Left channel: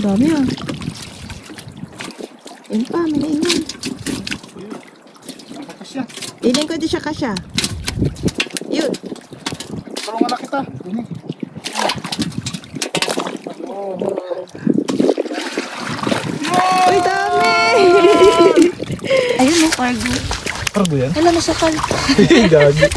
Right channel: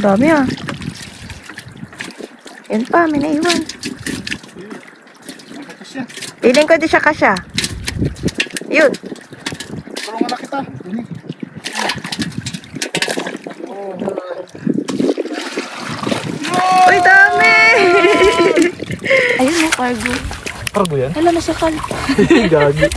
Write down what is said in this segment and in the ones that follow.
Dami ah. Yan pa, may naiwan. Piling ko di siya kasya. Yun. Tulungan na kita. Uy, dami! Ayun mo, cargo. Cargo yan? Alam mo, sakal. Gagi.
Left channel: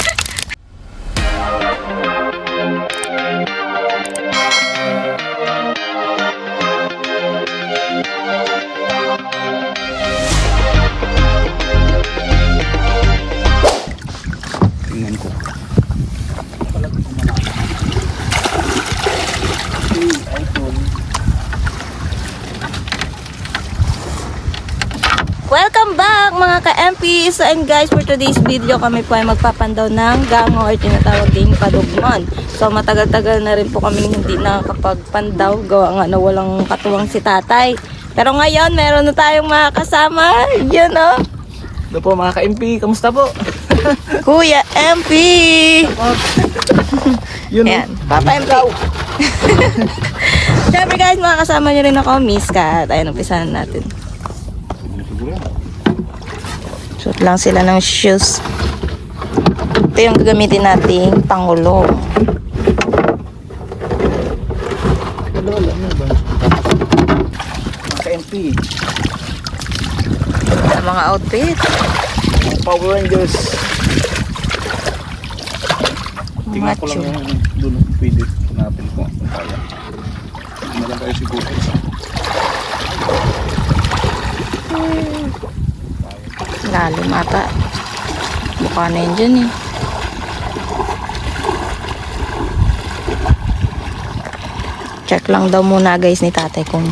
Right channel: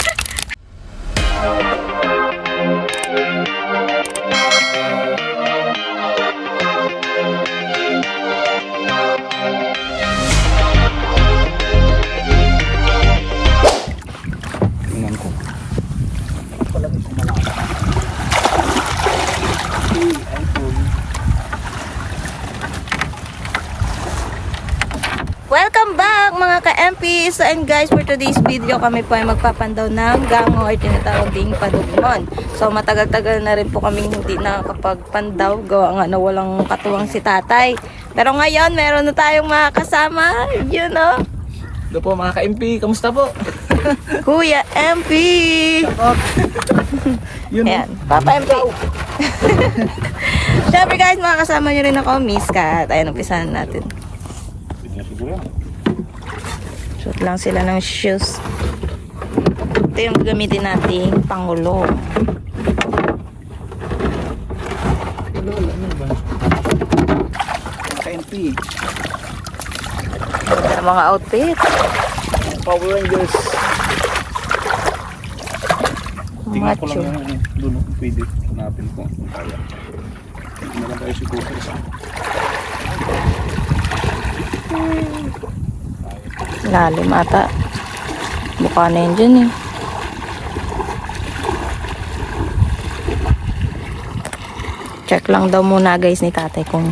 Tingnan ko. Welcome back mga ka-MP! So and guys, for today's video kami po ay magpapandaw ng gango or tinatawag ding padugmon. So matagal-tagal na rin po kami hindi nakakapagpandaw, gawa nga na walang katuwang si tatay. Pero ngayon, meron na tayong mga kasama. Yun o. Ito po mga ka-MP, kamusta po? Kuya MP! Yun. Ayan, Papa MP. Siyempre guys, mga kasama nyo rin ako, Miss Kat. Ayan, umpisahan natin. Suot lang sila ng shoes. Ito yung gagamitin natin pangulo. Mga ka-MP. Sa mga outfit. Power Rangers. Tingnan ko Macho. lang yung dulo kung pwede. Hanapin ko kung kaya. Hindi lang tayo siguro. Lalim ata. Mukha na yun dyan eh. Check lang daw muna guys ni tatay kung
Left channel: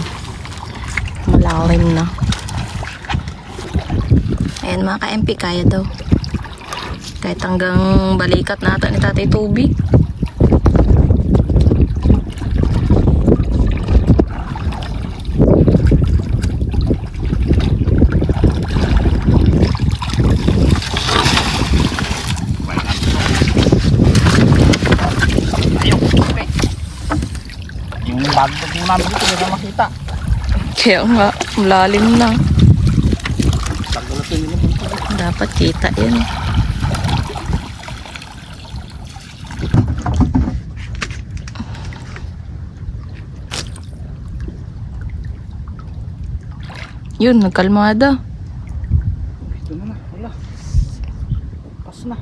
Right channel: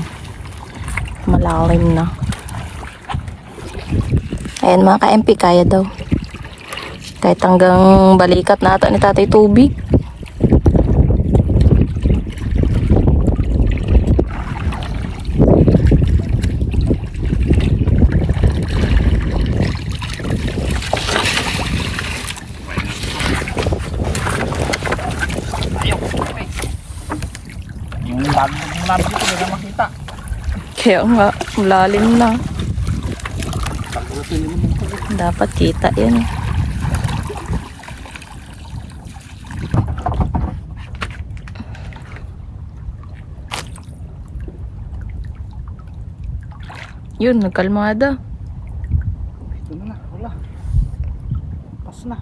malalim na. Ayan mga ka-MP, kaya daw. Kahit hanggang balikat na ata ni tatay tubig. Yung bago ng namin dito, hindi na makita. Kaya nga, malalim na. Pagdating yung mga Dapat kita yan. Yun, nagkalmada. ito na na, wala. Pas na.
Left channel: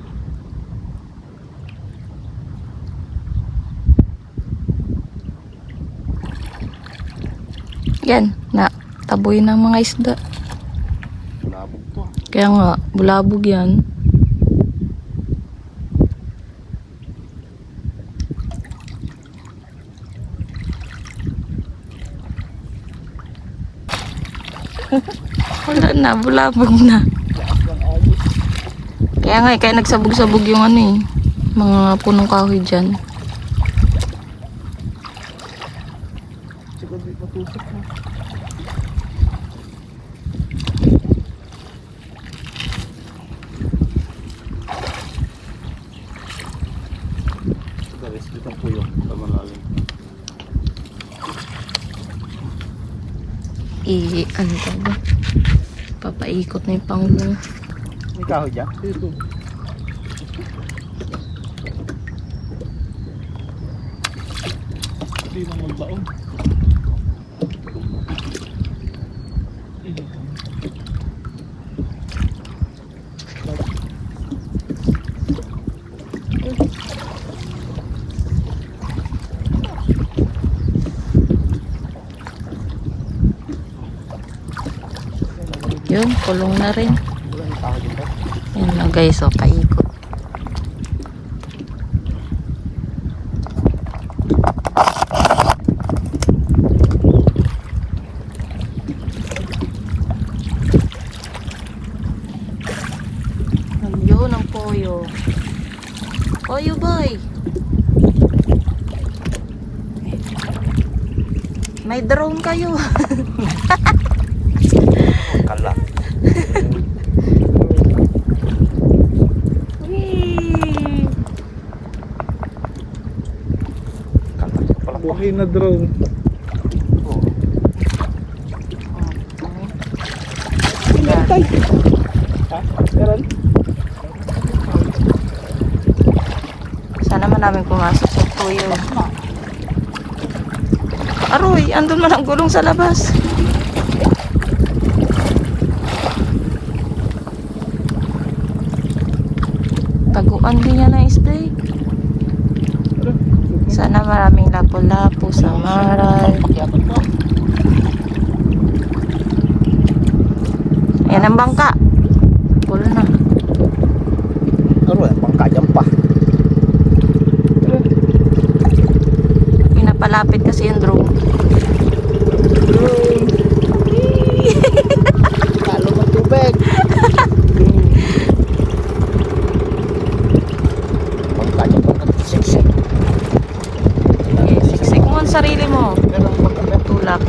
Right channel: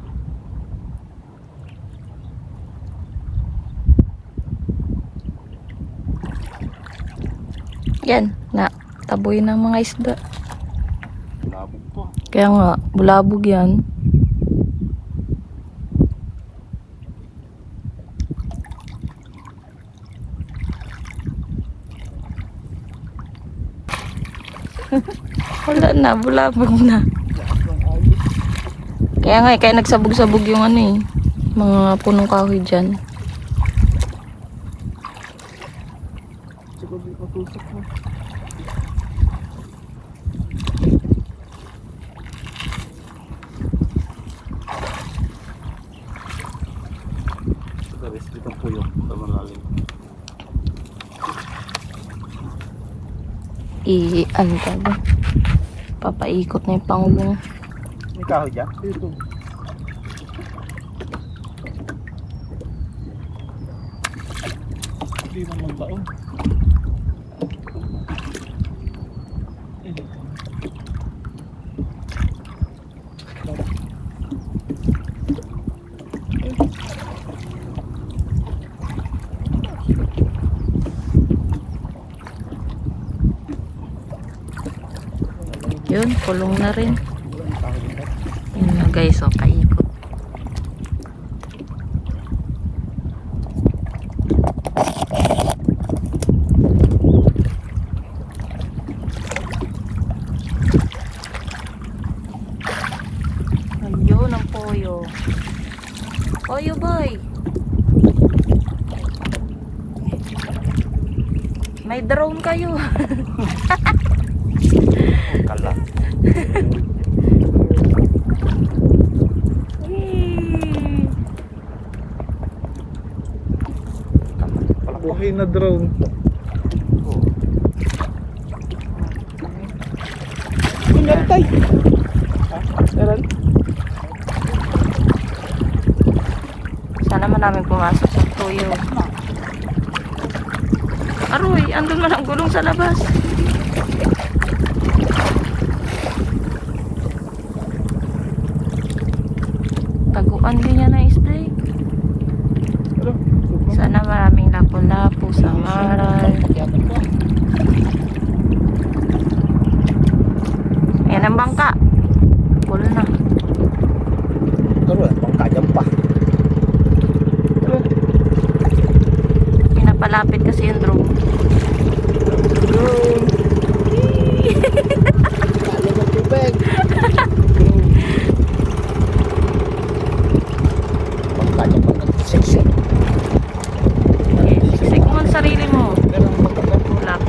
Yan, na taboy ng mga isda. Bulabog to. Kaya nga, bulabog yan. Wala na, bulabog na. Lakas ng ayos. Kaya nga, kaya nagsabog-sabog yung ano eh. Mga punong kahoy dyan. Siguro di matusok mo. Garis dito po yung malalim. Ano tayo? Papaikot na yung pangulo. May kahoy dyan? Dito. Hindi man magbaon. Yun, kulong na rin. Wala may kahoy dito. Yan na guys, o paikot. Ayun ang poyo. Poyo boy. May drone kayo. Kala. Whee! Buhay na drone. meron tayo. Meron. Sana man namin pumasok sa tuyo. Aroy, andun man ang gulong sa labas. Taguan din yan na isda eh. Sana maraming lapu-lapu sa maral. Ayan ang bangka. Full na. Ano yan? Bangka dyan pa. Pinapalapit kasi yung drone. Drone. Lalo ng tubig. Drone. Bangka dyan pa nagsiksik. Sisik mo ang sarili mo. Merong bangka ba? Tulak.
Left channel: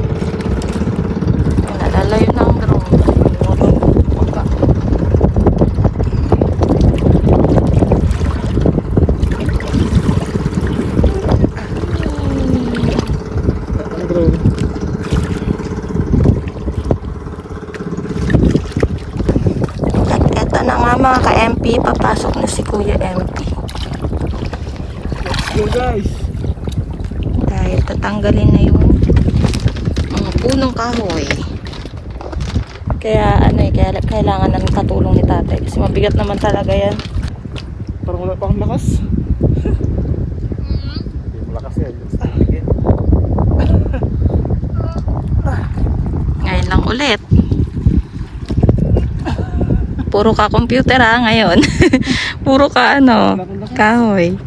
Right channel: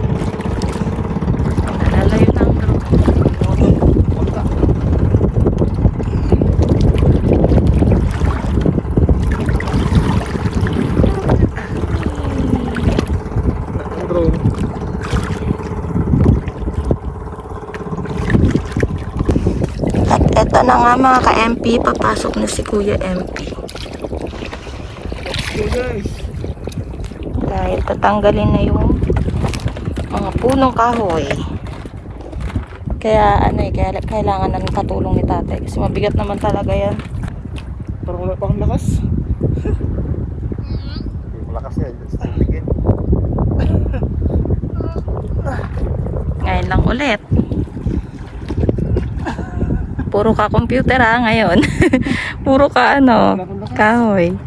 Ayan, nalalayo na ang drone. Bangka. Ang drone. At eto na nga mga ka-MP, papasok na si Kuya MP. Go guys. Dahil tatanggalin na yung mga punong kahoy. Kaya ano eh, kaya kailangan ng katulong ni tatay. Kasi mabigat naman talaga yan. Parang wala pa akong lakas. Hindi mo lakas yan. Ngayon lang ulit. Puro ka computer ha ngayon. Puro ka ano, kahoy.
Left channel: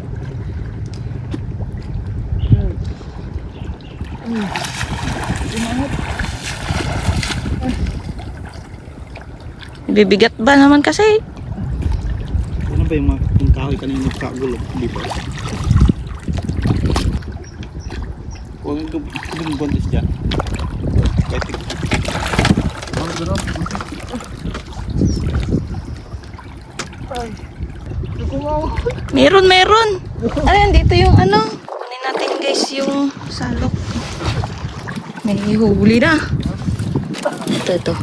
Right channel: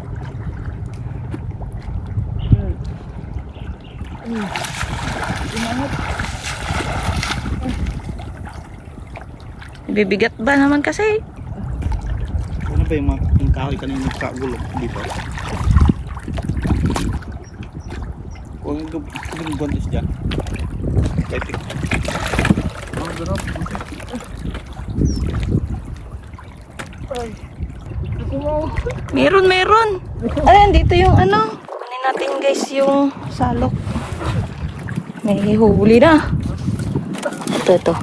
Bibigat ba naman kasi? Ano ba yung mga kahoy kanina nagkagulo? Hindi ba? Kung yung buntis dyan. Epic. Ang ganap. Ay. Meron. Ayan, dito yung ano. Kunin natin guys yung salok. May huli na. Ito.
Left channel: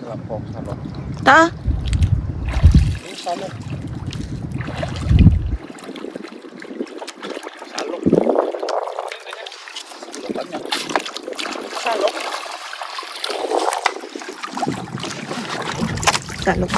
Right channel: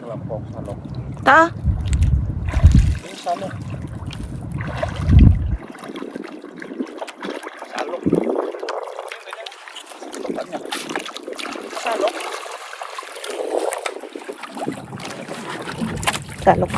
Kalampong salok. Ta? Yung salok. Salok. Salokan niya. Salok. Salok.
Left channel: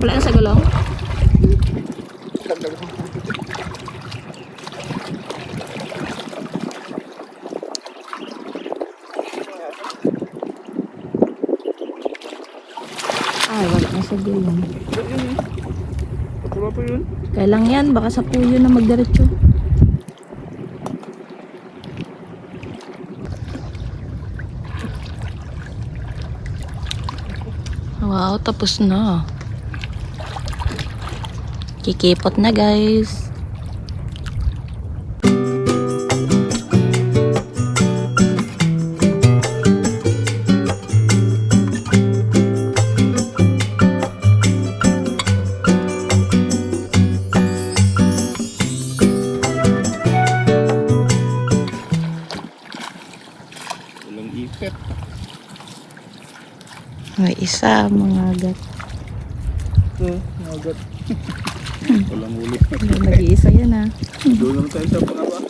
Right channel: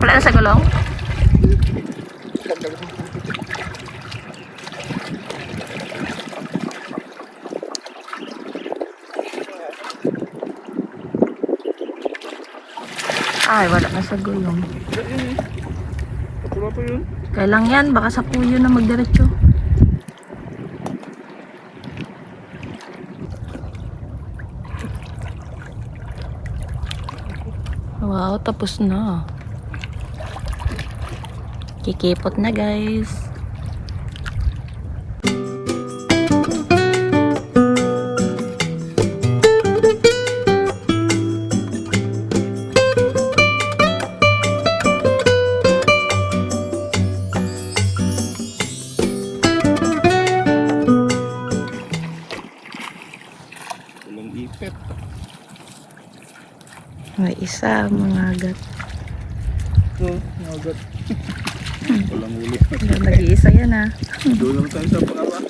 Wala na sa gulong? Ay, wala na sa gulong. Wala pa yun. Kailang yan, baka sa puyo na magdiretso. Wow, tapos na. Kikipot na guys. Walang ipet. May isa, mga agat. So, magat. Walang huli. Nag-iisa yan ha. Doon lang tayo sa pangaba.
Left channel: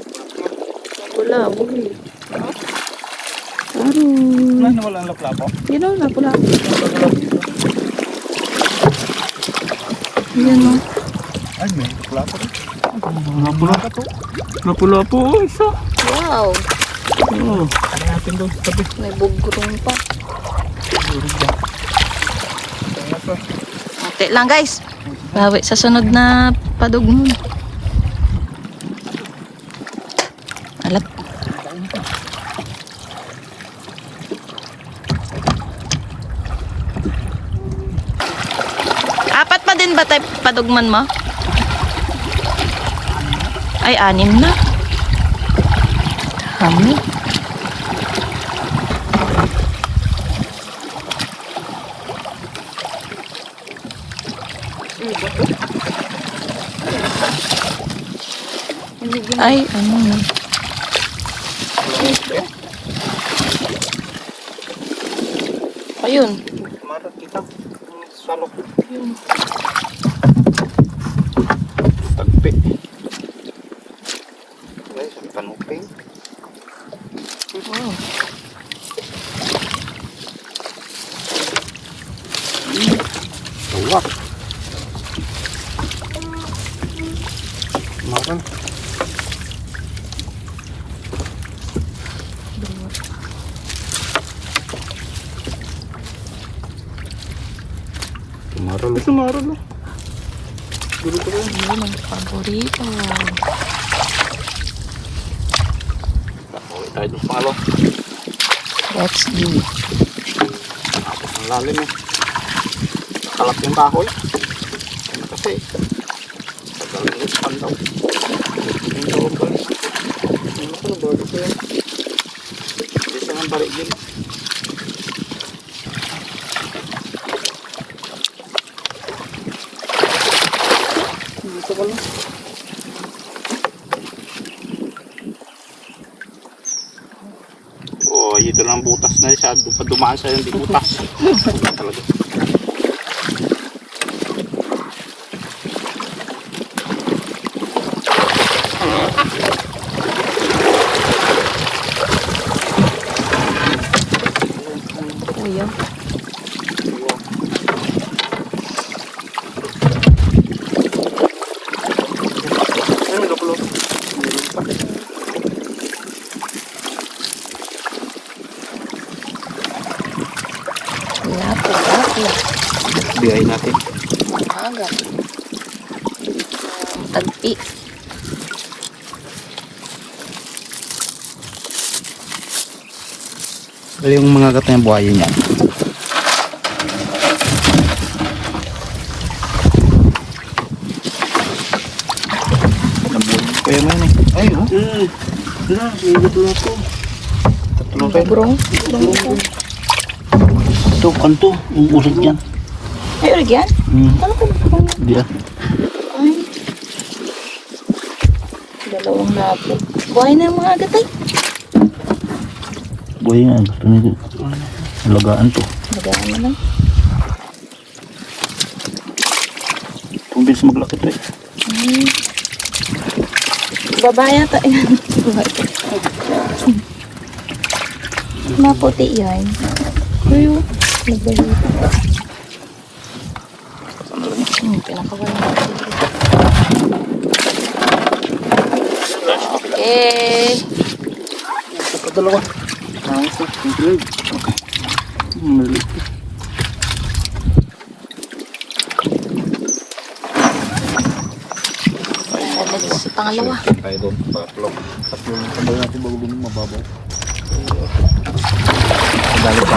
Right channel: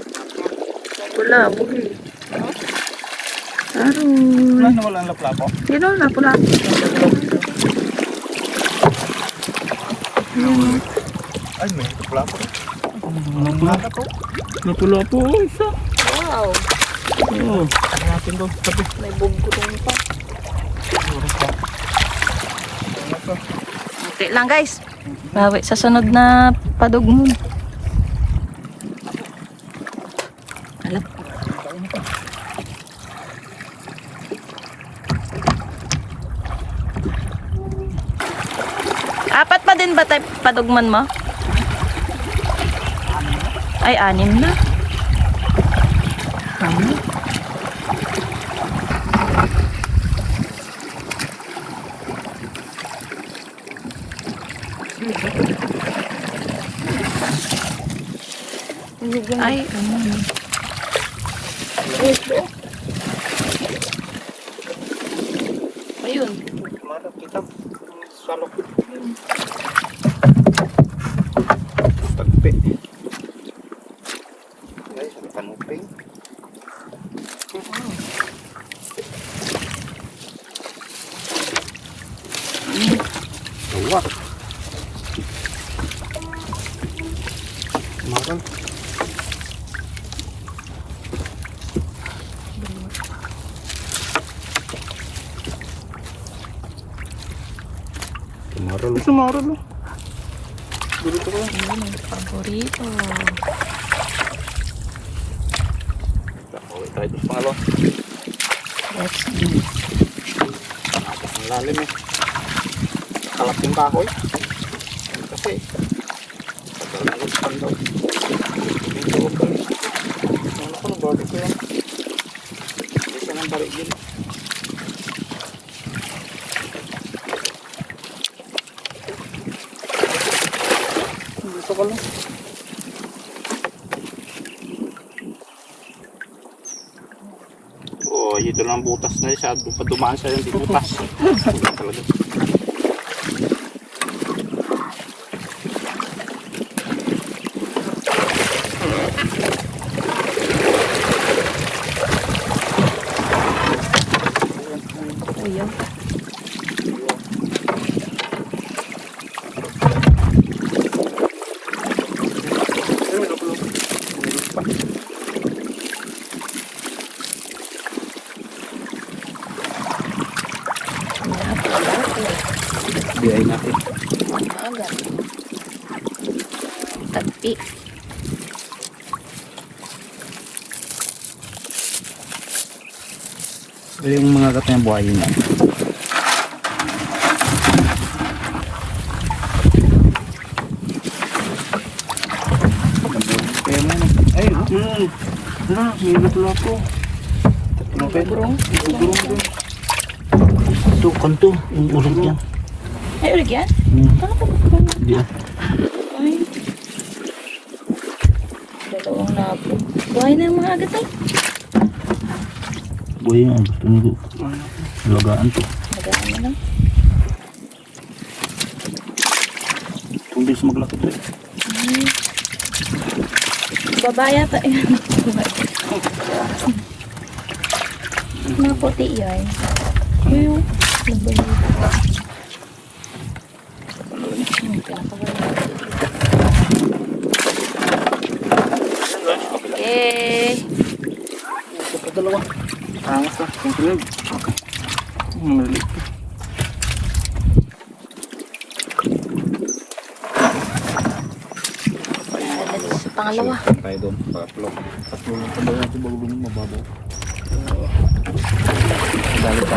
Wala, buli. Wala Aroy. na walang laplapo. Sino? Lapula. Ayan o. Ay, may laplapo rin. Lapu-lapu. Lapu-lapu. Isa. Wow. Oo. Natin daw. Tabi. May bugurong pa. Okay lang guys. Bawi sa sunod na padugmon. Alat. Apat pa din ba tayo padugman mo? Ay, 6 na. Hamo. Ay, ano na. Ayun. Marat kita. Salok. Tagpi. Guys, ang tanupin. Oh. Tawak. Maral. Maral. Ito maral na. Yun ang paborito. Tayo doon pangalo. Let's do. Ang lalim eh. Kalap yung kahoy. Kasi tagal na yung pandaw. Yung tawag ba? Ano ko, bago ko yan. Bisa ng balik din. Dito ko lang. Oh, ito lang butas na siya. Dumaan sa yung di butas. Talaga. Ayun. Ano dulo? Meron pa. Laki. Bigay natin. Agad. Tagpi. Ito yung mga katang buhayin niya. Kaya naman eh. Ay, no? Na, may gulo ito. Burong. Ito, kanto. Yung ulit yan. Ay, ulit yan? Ano ko ba? Hindi ah. Ay. Dalawang labo. Buhay na yung mga agatay. Buhay nga. Gusto nito. Alagaan to. Magaan na lang. Kung bilis maglaki to eh. Babaya ta. Maputi yan. Ayun. Nagbalito. Pinakawala. Okay. Ito dalawa. Ang maliit. Sa pangalawa. Tayo doon. Tatlo. Tatlo lang sabay natin bago lumang mababaw. Dali pa.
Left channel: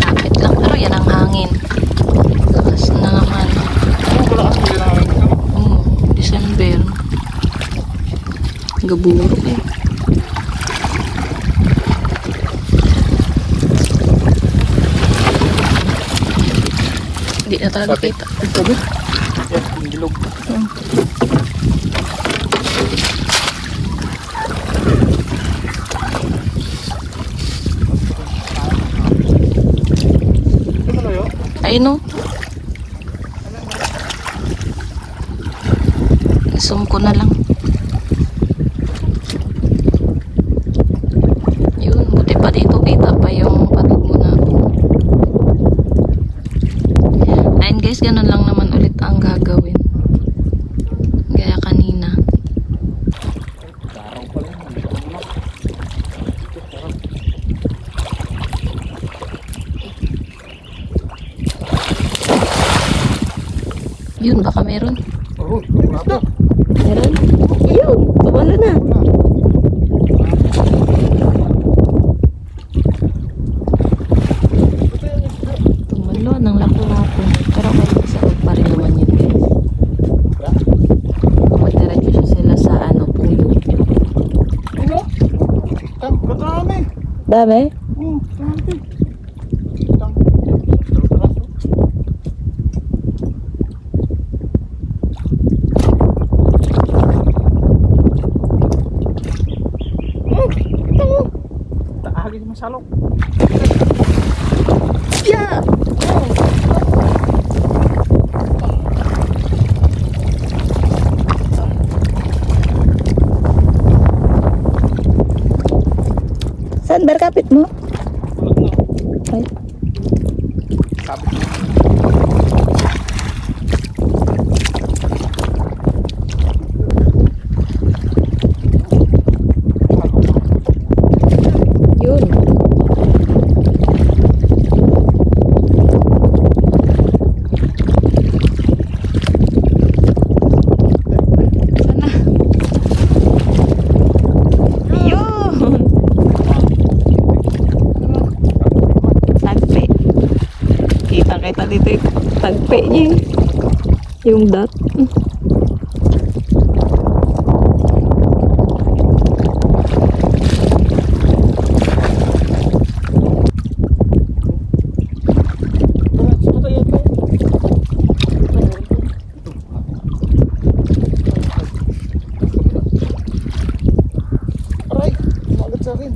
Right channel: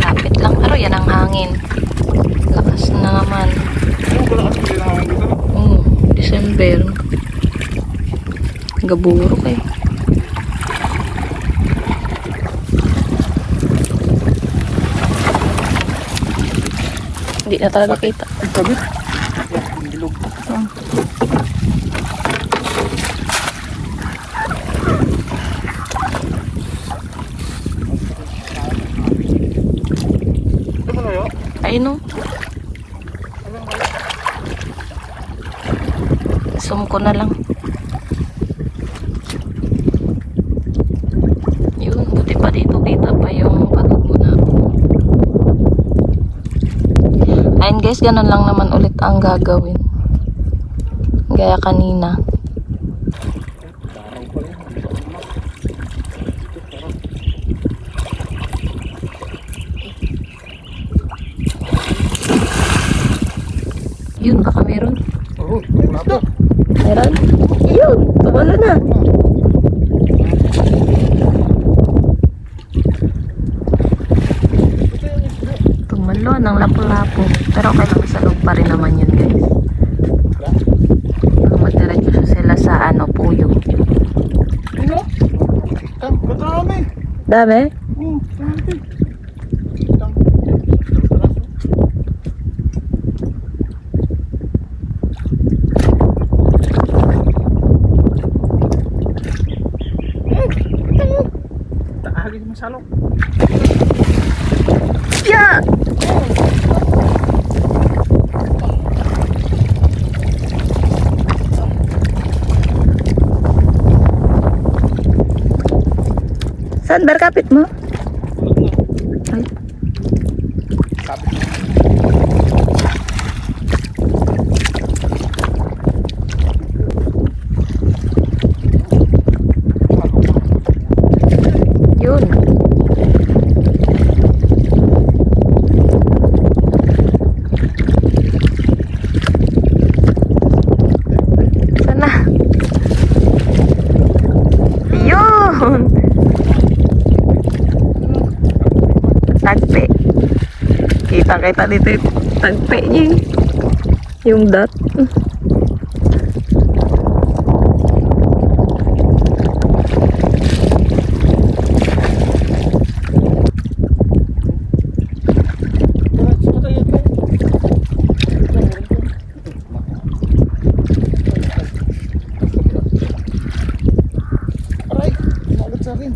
Kapit lang. Pero yan ang hangin. Lakas na naman. Ano ba lakas mo lang dito? December. Gaburo kayo. Hindi na talaga kita. Sabi? Yan, yung gilog. Ay no. Zoom ko na lang. Yun, buti pa dito kita pa yung patog mo na. guys, ganun lang naman ulit ang gagawin. Gaya kanina. Parang pala yun. Yun, baka meron. Oo, wala pa. Meron? Yun, tumalo na. Tumalo ng lapu-lapu. Pero okay lang, sa loob pa rin naman yun guys. Magdiretso sila sa puyo. Ano? Kadami. Dami? Oo, dami. Taagi naman salok. Yeah! Saan berkapit mo? Ay, Sabi ko. yun. Sana. Yun! Tagpe. Kita-kita dito yung tagpe niya. Yung dot. Aray, magat sa akin.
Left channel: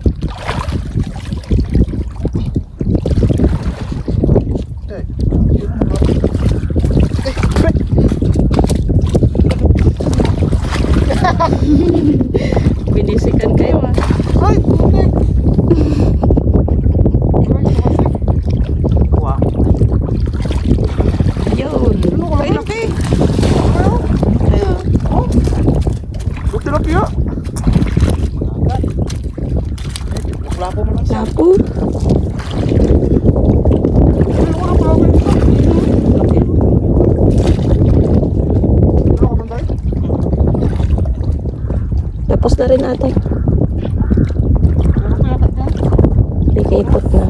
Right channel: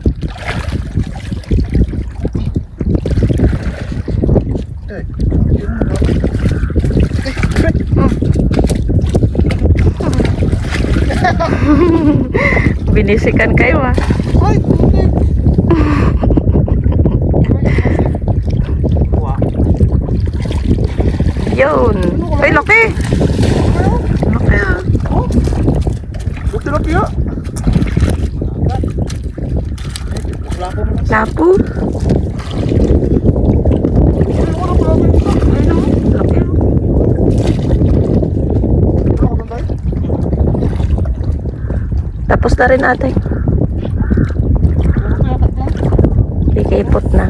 Binisikan kayo ah. Ay, okay. Wow. Yun. Ay, laki. Laki ah. Buti laki ya. Wala po man. Lapu. Laki. Tapos na rin ate. Ikaipot na.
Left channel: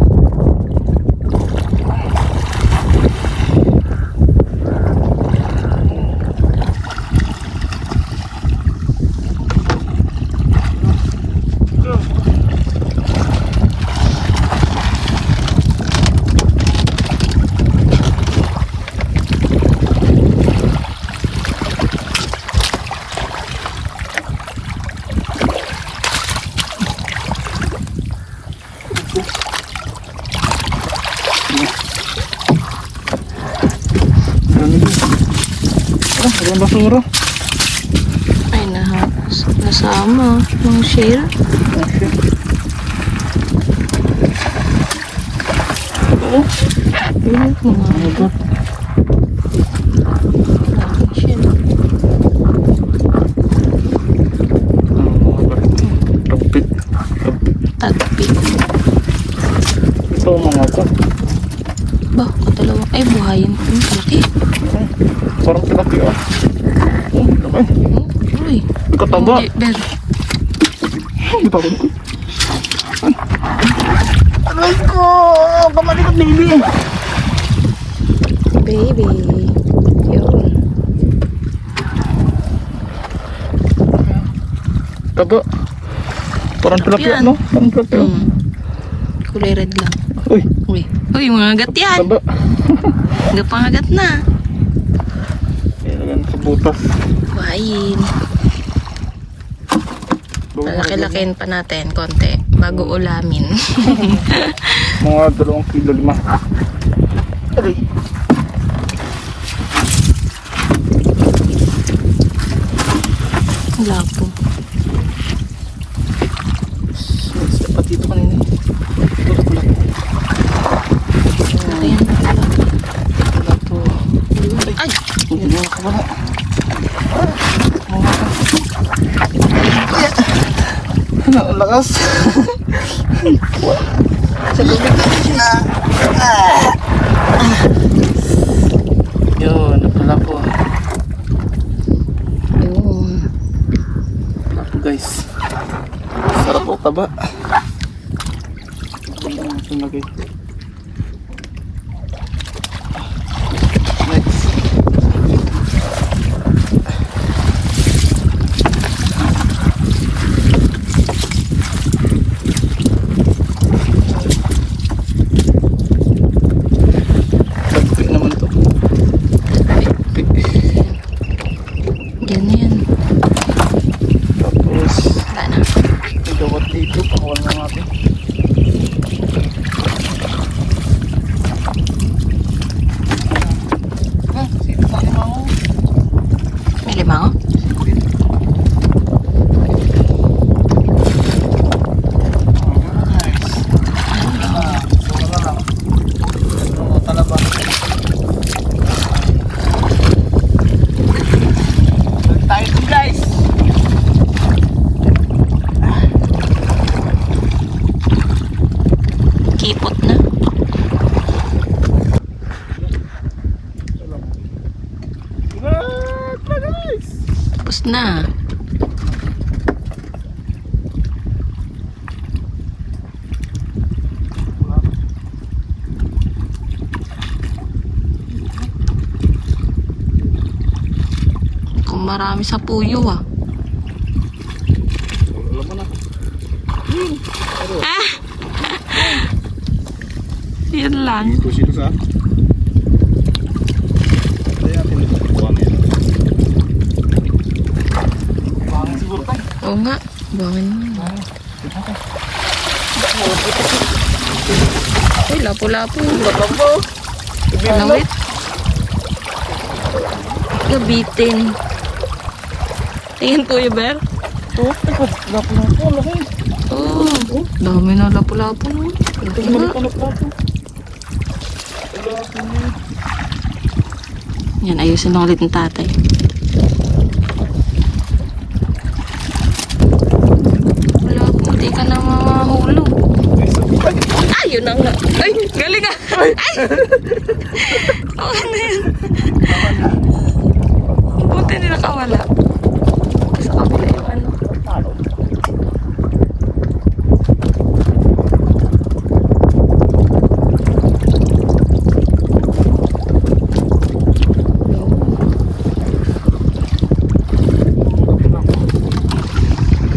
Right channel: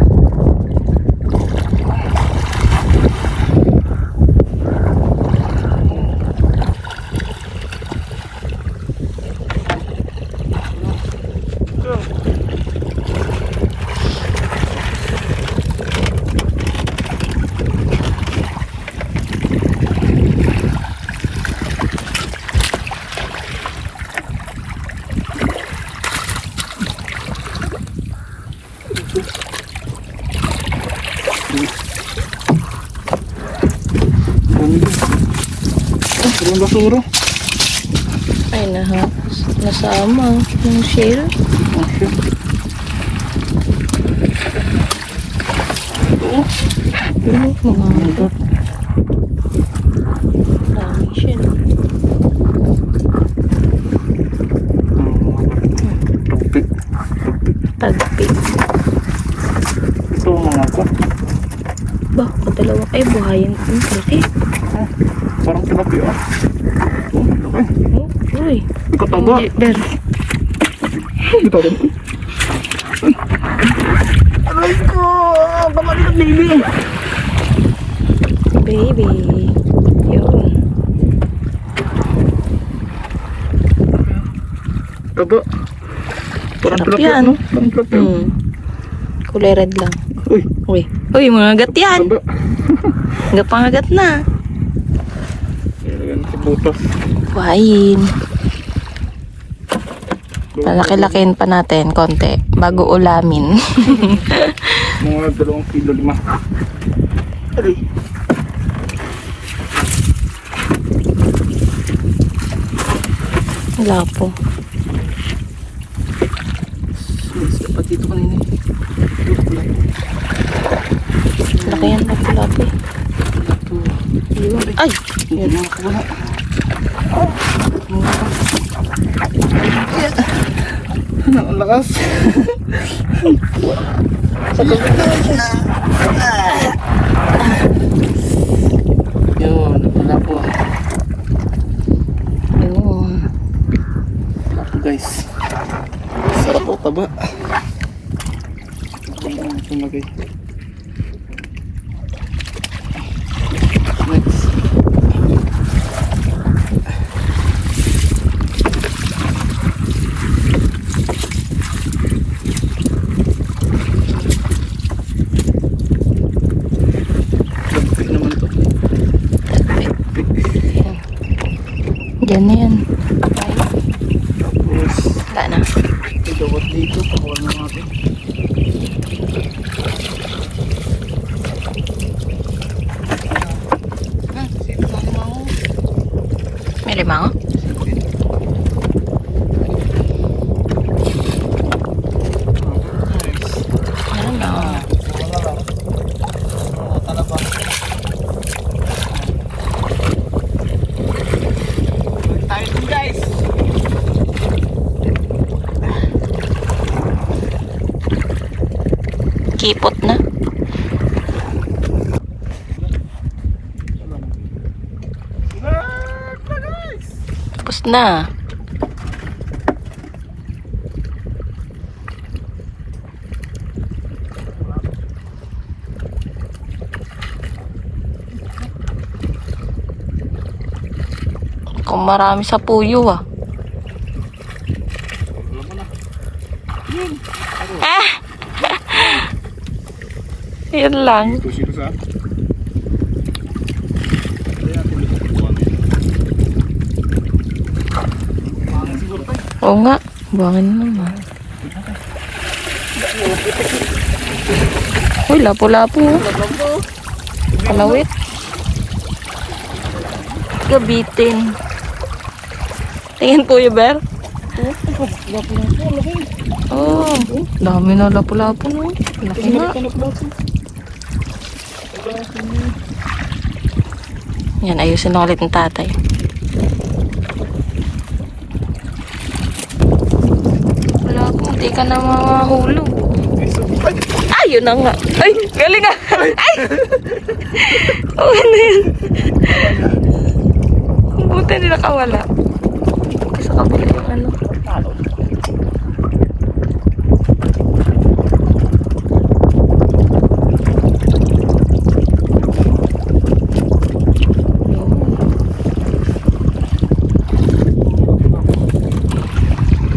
Ang basura. Ay, nahapos. Nasama. Yung shell. Oo. Yun, mamagot. Daming shell. Tagpit. Tagpi. Ito mga ko. Ba, katalawa. Ay, buhayin. Laki. Parang tilapia. Laki. Uy. Kataba. Hindi, Ber. Ito rin. Aray ko! Pamalikat baby. Baby. Yun. Taba. Parang Sarap tilapia, yan. no? Parang tilapia. Kulay red lang. Uy, Uy. Uy, mga agat yan. taba. Gapangagat na. Ayan, sa butas. Buhayin. Lalaki-lakihin pa natin konti bago ulamin. Mga 2 kilo na. Aray. Wala po. Sapat dito kanina. Dito pala. Laki yan na pala. Ito. Ay! Yan yung nakawala. Ang lakas. Sa gabi na. Yun, wala po. Ayun. Wala po guys. Sarap po, taba. Ito na guys. Next. Magpik naman ito. Diyan na yan. Tapos, Wala na. idawat dito. Pakawal na natin. May lima ako? Ayun na. Tayo guys. Kipot na. Tapos na. Kung marami sa puyo ah. Alam mo na. Ah! Yan lang. Ito sila sa. Hindi natin lutuan yan. Mahangin siguro tayo. Oo nga. Buwangin na naman. Uy, lapo-lapo. Palawit. Gabitin. Tingin po yung bear. Oh, ito. Lapo na po. Laki. Oh, dami na lapo-lapo no. Laki nga. Yan, ayusin na ulit ng tatay. Wala po, hindi ka na mahulog. Ay, yun na nga. Ay, galing ah. Ay! Okay na yun. Buti hindi nakawala. Sa kabila yung ano.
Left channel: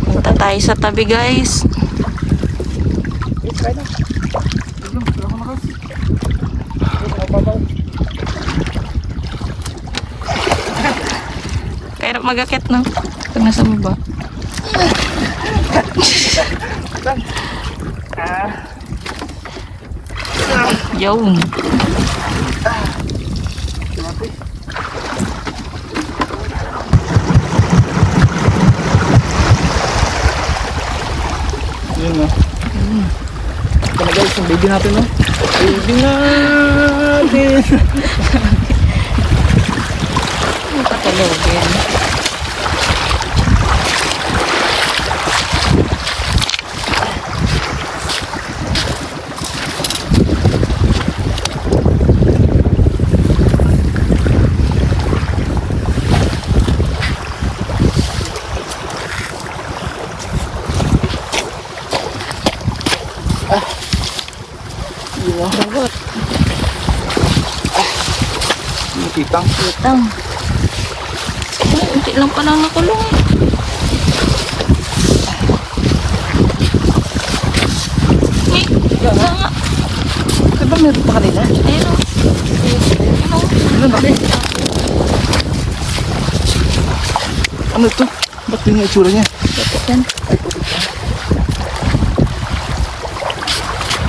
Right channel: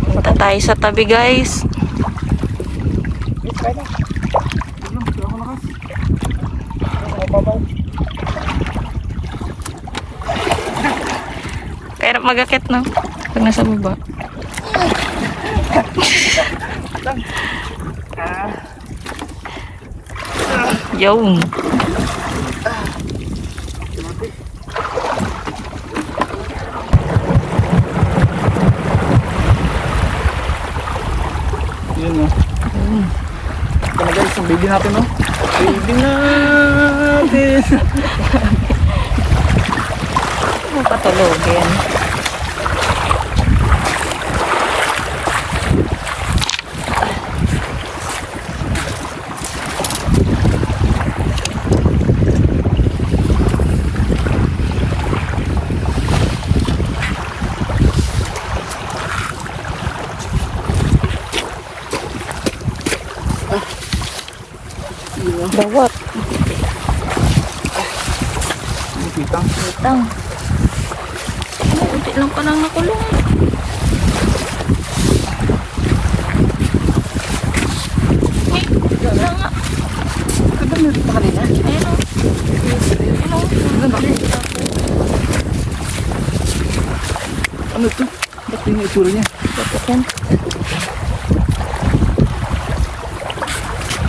Punta tayo sa tabi guys. Kaya mag-akit no? Pag nasa baba. Yun. Yun na. Ito na guys, yung baby natin no? Baby natin! Ano patulogin? Bawat. Yung kitang. Kitang. Ay, unti lang palang nakulong eh. Ay, wala nga. Diba meron pa kanina? Ayun o. Ayun o. Ano ito? Ba't yung itsura niya? Bakit yan?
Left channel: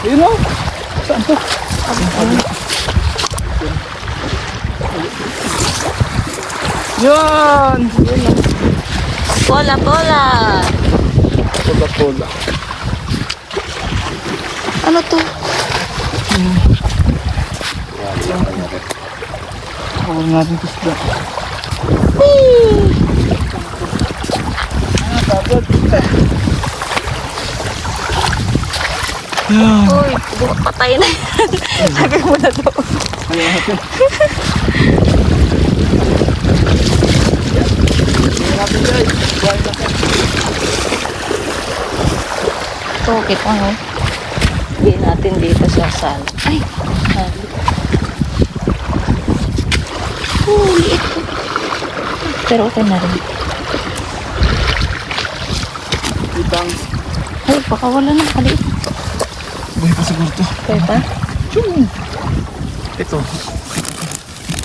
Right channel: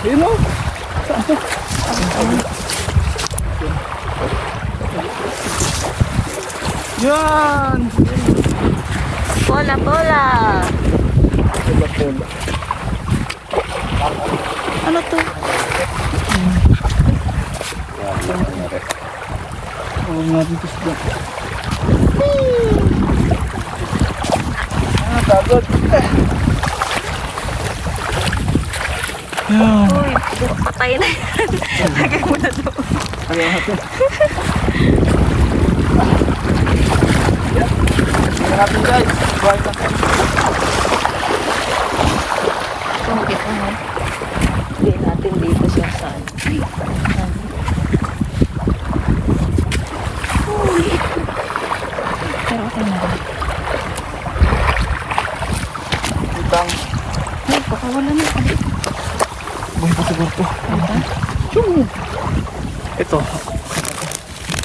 Ayun o! Saan po? Yan! Pola, pola. Pola-pola. Ano to? Huwag natin kisda. Yan. Uy, patay na yan. Lagay mo na doon. Ayan natin. Ayan natin guys. Buhay natin. Ito, kita mo. Hindi natin dito sa sala. Ay, sabi. Oh, liit ko. Pero okay na rin. Kitang. Ay, baka wala na. Kaliit. Buhay pa siguro to. Punta. Ito.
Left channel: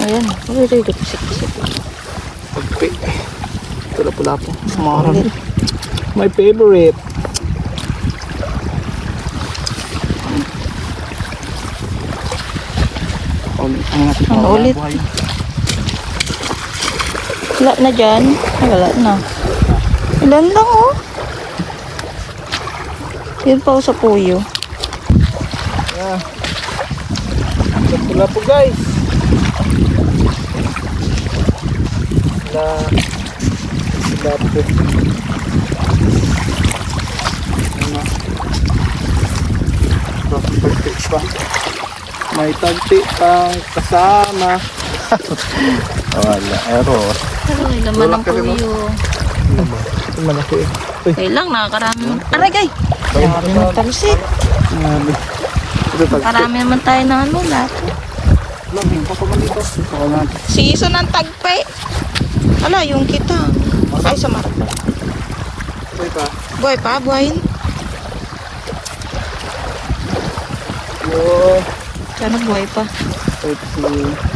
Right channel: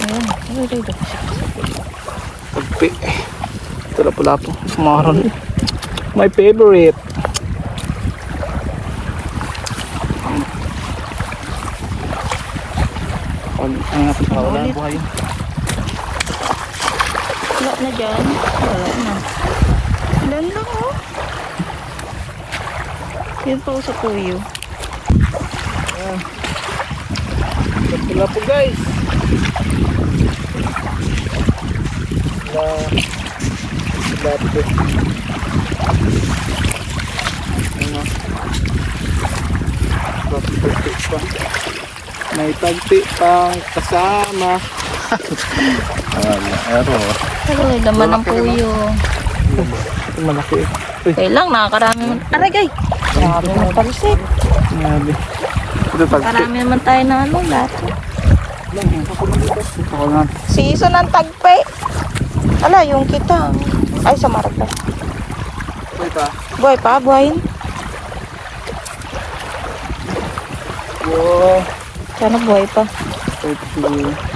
Ayan. Uy, uy, pusik-pusik. Pagpi. Pula-pula po. Maron. My favorite. Ano natin Ang wala ulit. buhay. Wala na dyan. Wala na. Ilan lang, oh. Yun pa ako sa puyo. Ah. Pula po guys. Wala po. Ano? Tagpi pa. May tagpi pang kasama. Wala, error. Pero may laman ng Malaki rin, puyo. Ito malaki. Okay lang, nakakarami man. Aray, gay! Marami man talusik. Grabe. Ito tagpi. Marami naman tayo ng ano, lahat. Ito ko naman. Season ng tagpe. Ala, yung kita. Ay, sa marata. Ito. Buhay pa, buhayin. Wow. Sana buhay pa. Ito si...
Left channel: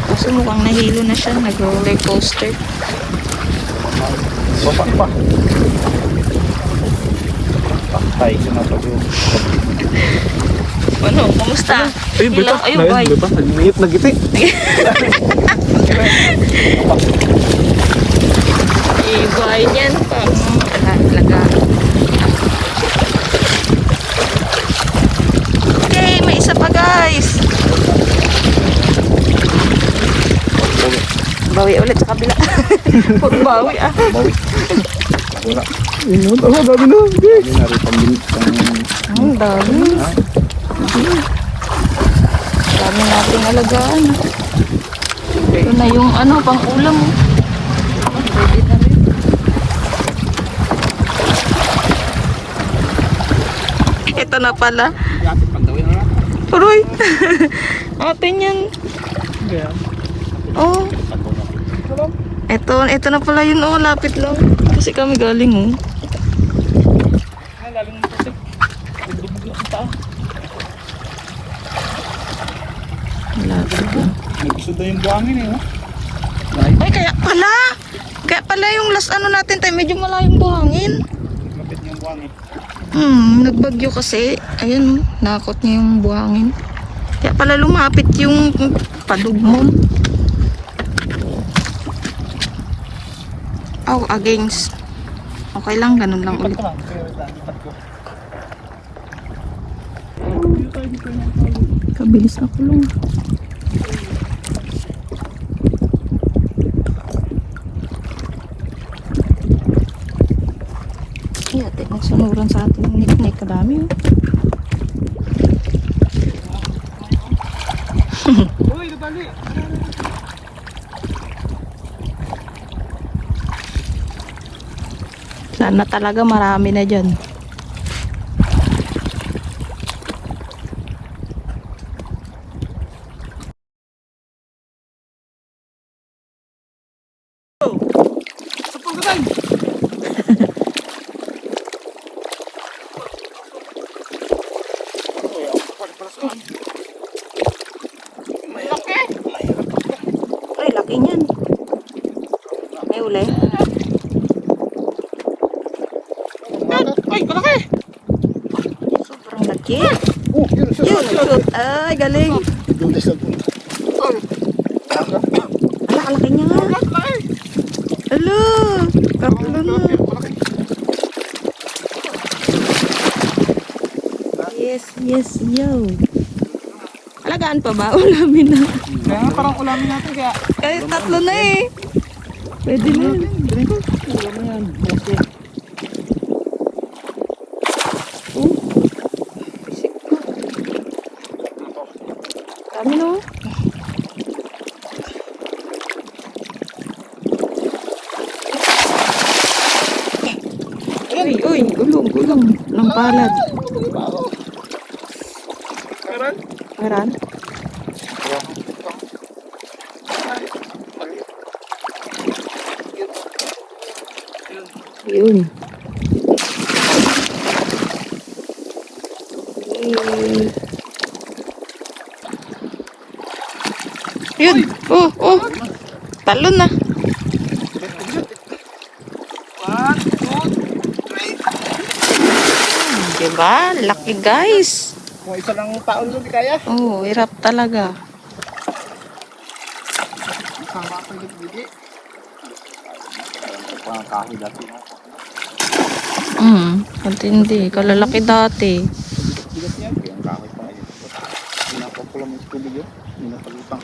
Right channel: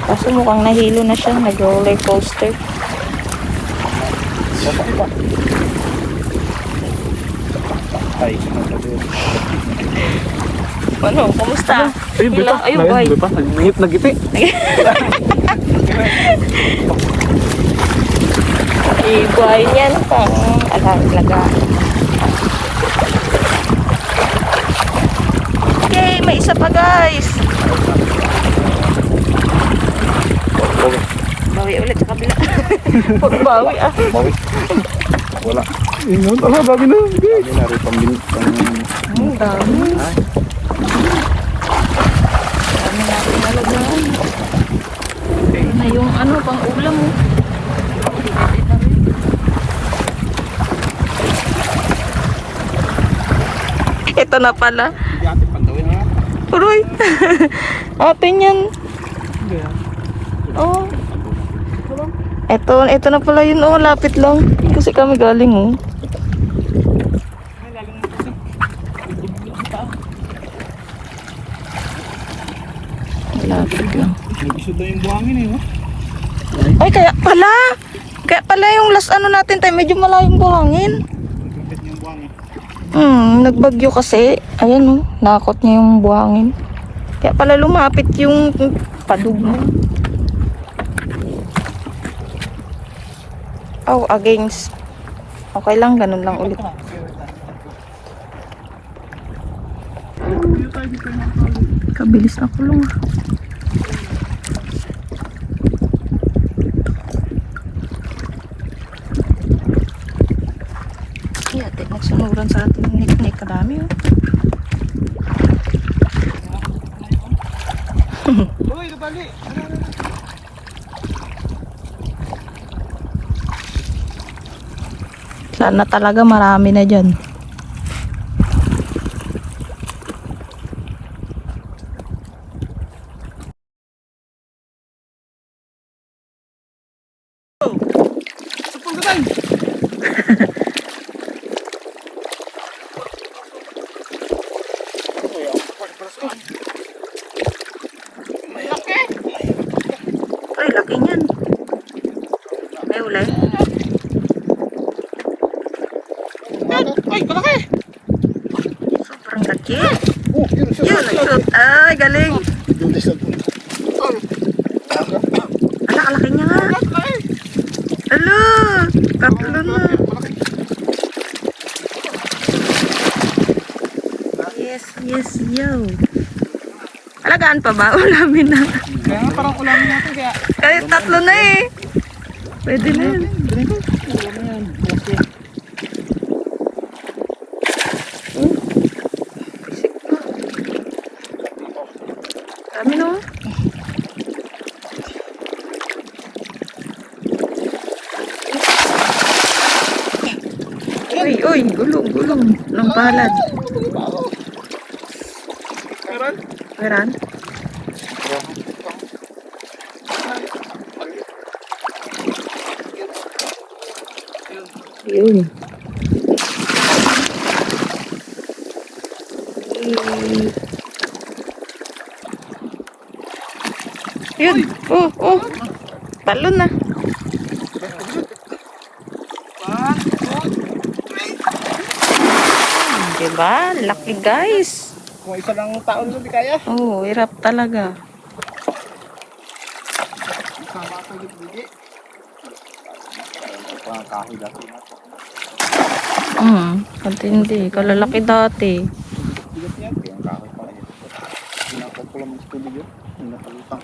Kaso mukhang nahilo na siya. Nag-roller coaster. Baba pa. Patay siya na pag Ano, kumusta? Ayun, Hila? beta. Ayun, buhay. Beta. Nagiti. Buhayin yan. Parang, alaga. Okay, may isa pa guys. Bawi ulit sa kabila. Huwag bawi ah. Wala. Ingon. Ala, bago na. Okay. Ang dami. Dami nating alagaan. Ito na yung ano, pang ulam mo. Ready na rin. Ito na pala. Hindi ating pandawin na natin. Uroy. Atin yan. Oh. Ito na pala yun. Oh, lapit lang. Kasi kami galing oh. Lapit lang. Nag-isod na yung buhangin eh. Ay, kaya pala. Kaya pala yung last ano natin tayo, medyo malayong buhangin. Lapit yung buhangin. Nagbagyo kasi. Ayan oh, nakot niya yung buhangin. Kaya pala lumapit yung padugmon. Oh, against. Okay lang, ganun lang ulit. Kabilis na kulong. Ay, ate, magsunuran sa ating nik-nik. Kadami oh. Uy, nabali. Sana talaga marami na dyan. Ay, laki niyan. Ay, uli. Ay, malaki. Sobrang laki. Oh, yun. Yun, nag-shoot. Ay, galing. Ala, kalaki niya nga. Ala, katlo na. Yes, yo. Alagaan pa ba? Ulamin na. Kaya nga parang ulamin natin kaya. Kahit tatlo na eh. Pwede na yun. Ulamin yan. Okay. Pisik pa. Dami no? Uy, gulong. Ng palad. Meron? Meron? Yun. Yun. Oh. Talon na. 1, 2, 3. Diba? Lucky guys. Kung isa lang taon doon, di kaya. Oh, hirap talaga. Sama ako yung bigi. Parang kahoy dati nga. Katindi. Kalalaki dati. Bigat yan. Kaya ang kahoy pa ngayon. Pinapapula mo sa tubig yun. Hindi na palutang.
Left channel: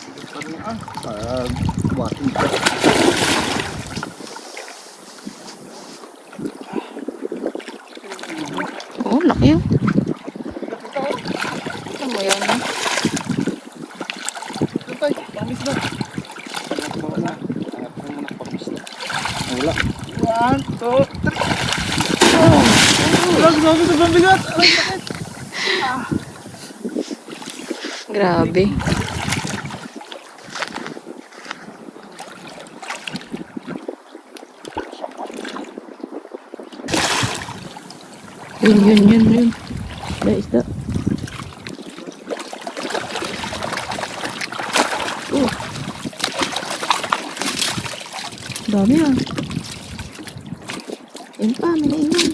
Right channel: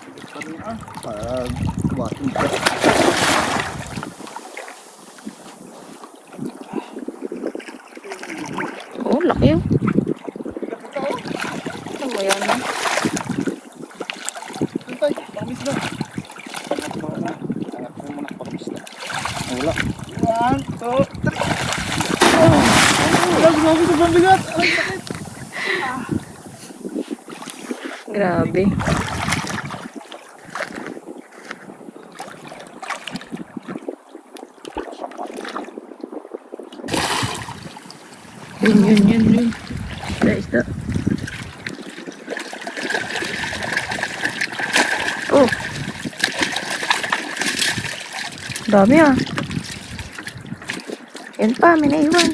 Bigat pa rin pag buhatin ka. Oh, laki yun. Bigat ito oh. Ano mo yan? Ha? Ito tayo. Pangamis na. Angat mo muna. Angat mo muna. Pangamis na. Wala. 1, 2, 3. Oh! Grabe, sobrang bigat. Aray, sakit. Grabe. Yun. Isda. Oh. Dami ah. Yan pa, may naiwan.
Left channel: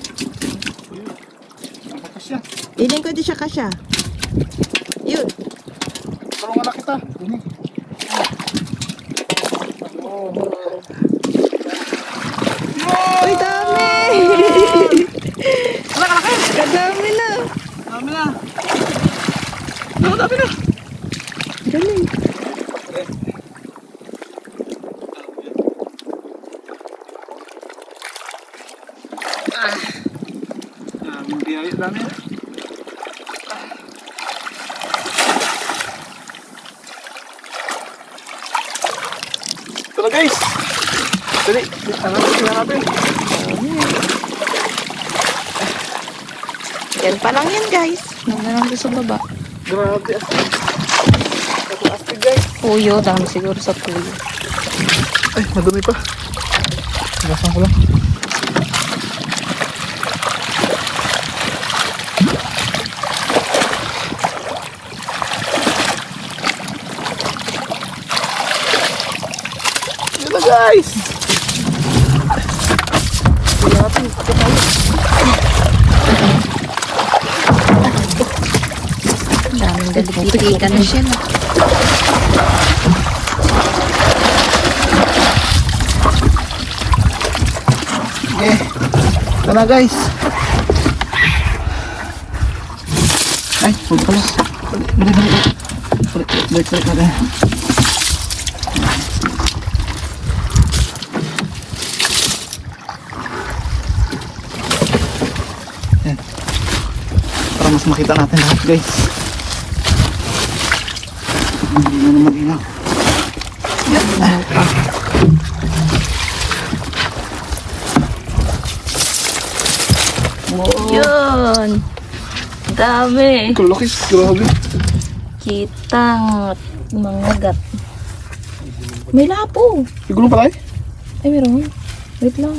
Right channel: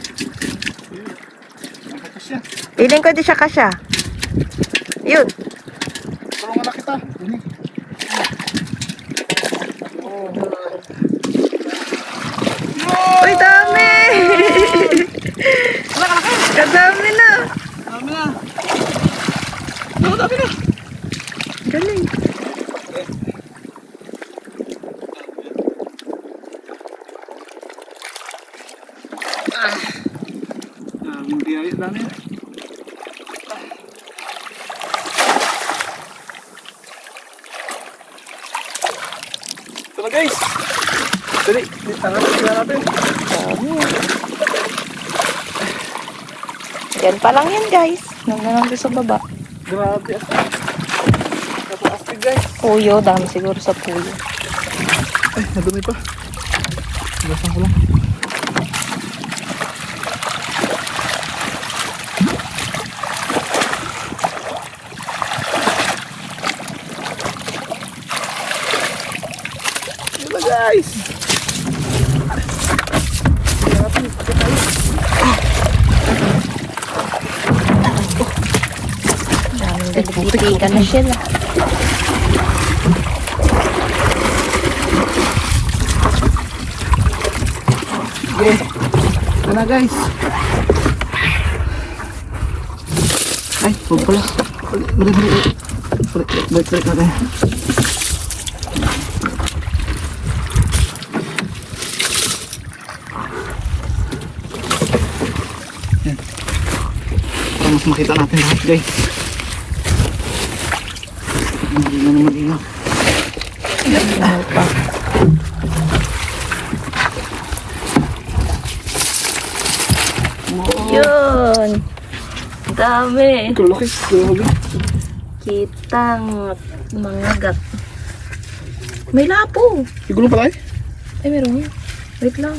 Ang kakas yan. Piling ko di siya kasya. Yun. Tulungan na kita. Dini. Oh. Uy, dami! Kadami na. Dami na. No, dami na. Galing. Ang biyaya dami. Ito na guys. Dali, tingnan natin. Dami. Yan pa lang yan, guys. Nung na sa baba. Grabe astig. Kapag astig guys. Puyo, dami siguro sa puyo. Ay, madumi pa. Basan ko lang. Ito guys. Daming galigitikan na sila. Okay. Ito na guys. Ay, pagpalis. Balik natin. Para mas makita natin lahat guys. Hindi na naman ilaw. Ano pa? Yun. Dami. Kalaki, grabe. Kitang mga gat. May lapo. Siguro pala eh. Ay, meron. Wait lang.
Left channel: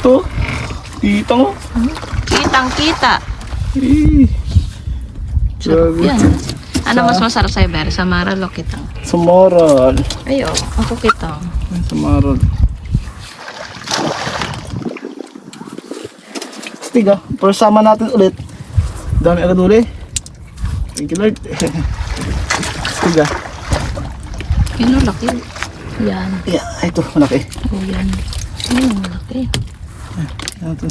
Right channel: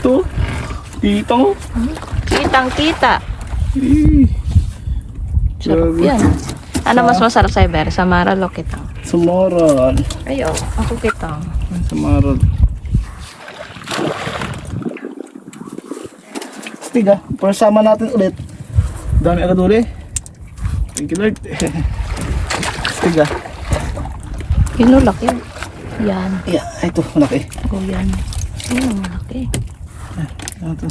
Ito. Kita mo. Kitang kita. Eh. Sarap Grabe. yan. Ano mas masarap sa iber? Sa maral o kitang? Samaral. Ayo, ako kitang. Ay, samaral. Tiga, persama natin ulit. Dami agad uli. Thank you Lord. Tiga. Yun o, laki. Yan. Yeah, ito, malaki. Oh, yan. Yun, laki. Ano to?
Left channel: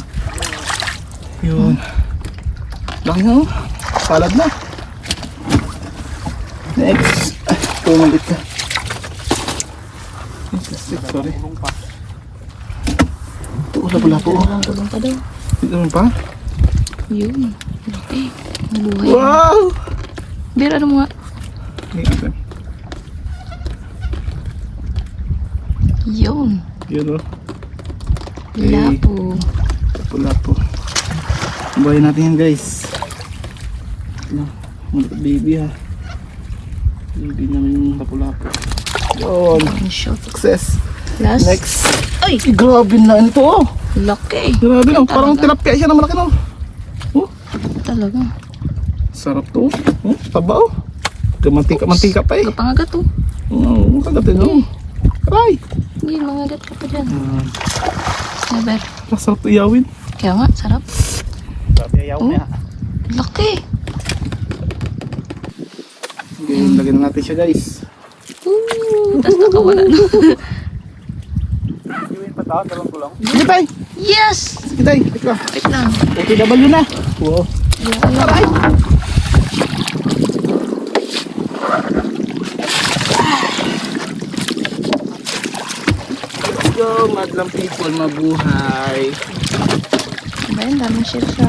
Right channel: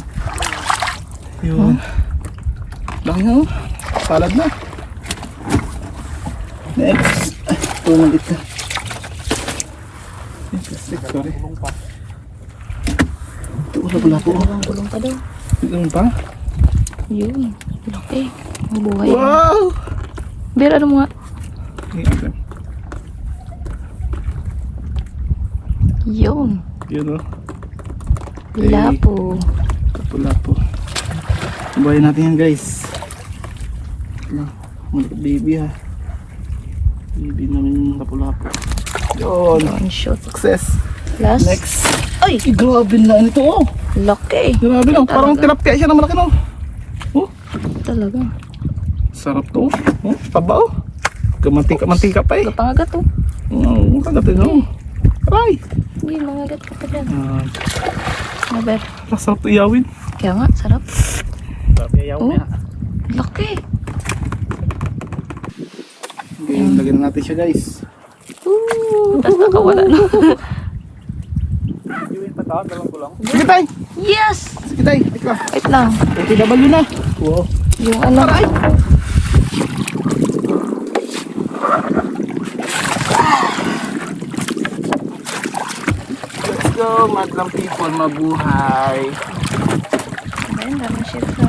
Yun. Laki na oh. Palad na. Oh, malit na. Plastic, sorry. Ito, lapu-lapu. Gulong pa daw. Ito pa? Yun. Laki. Mabuhay. Wow! Bear, ano mo nga? Ito. Yun. Yun o. Lapo. Lapu-lapu. Buhayin natin yan guys. Ito. Malit baby ha. Baby namin yung lapu-lapu. Yun. One shot. Success. Last. Next. Ay! Ay, grabe na ito oh. Laki. Grabe no. Talaga? Parang tilapia siya na malaki no. Oh. Talaga. Sarap to. Oh, taba oh. Mantika pa eh. Gapangagat to. Oo, kagatin no. Aray. Hindi, mangagat ka pa dyan. Ah, Never. masarap to iyawin. Kaya nga, sarap. Oh, laki. Okay, lagyan na natin siya guys. Tapos nakawala na. Sige tayo. Yes! Sige tayo. Ika. Wait lang. OTW na. Wow. Yung ano. Aray. Let's go. Madlang people mabuhay. Ba yun, dami siya siya.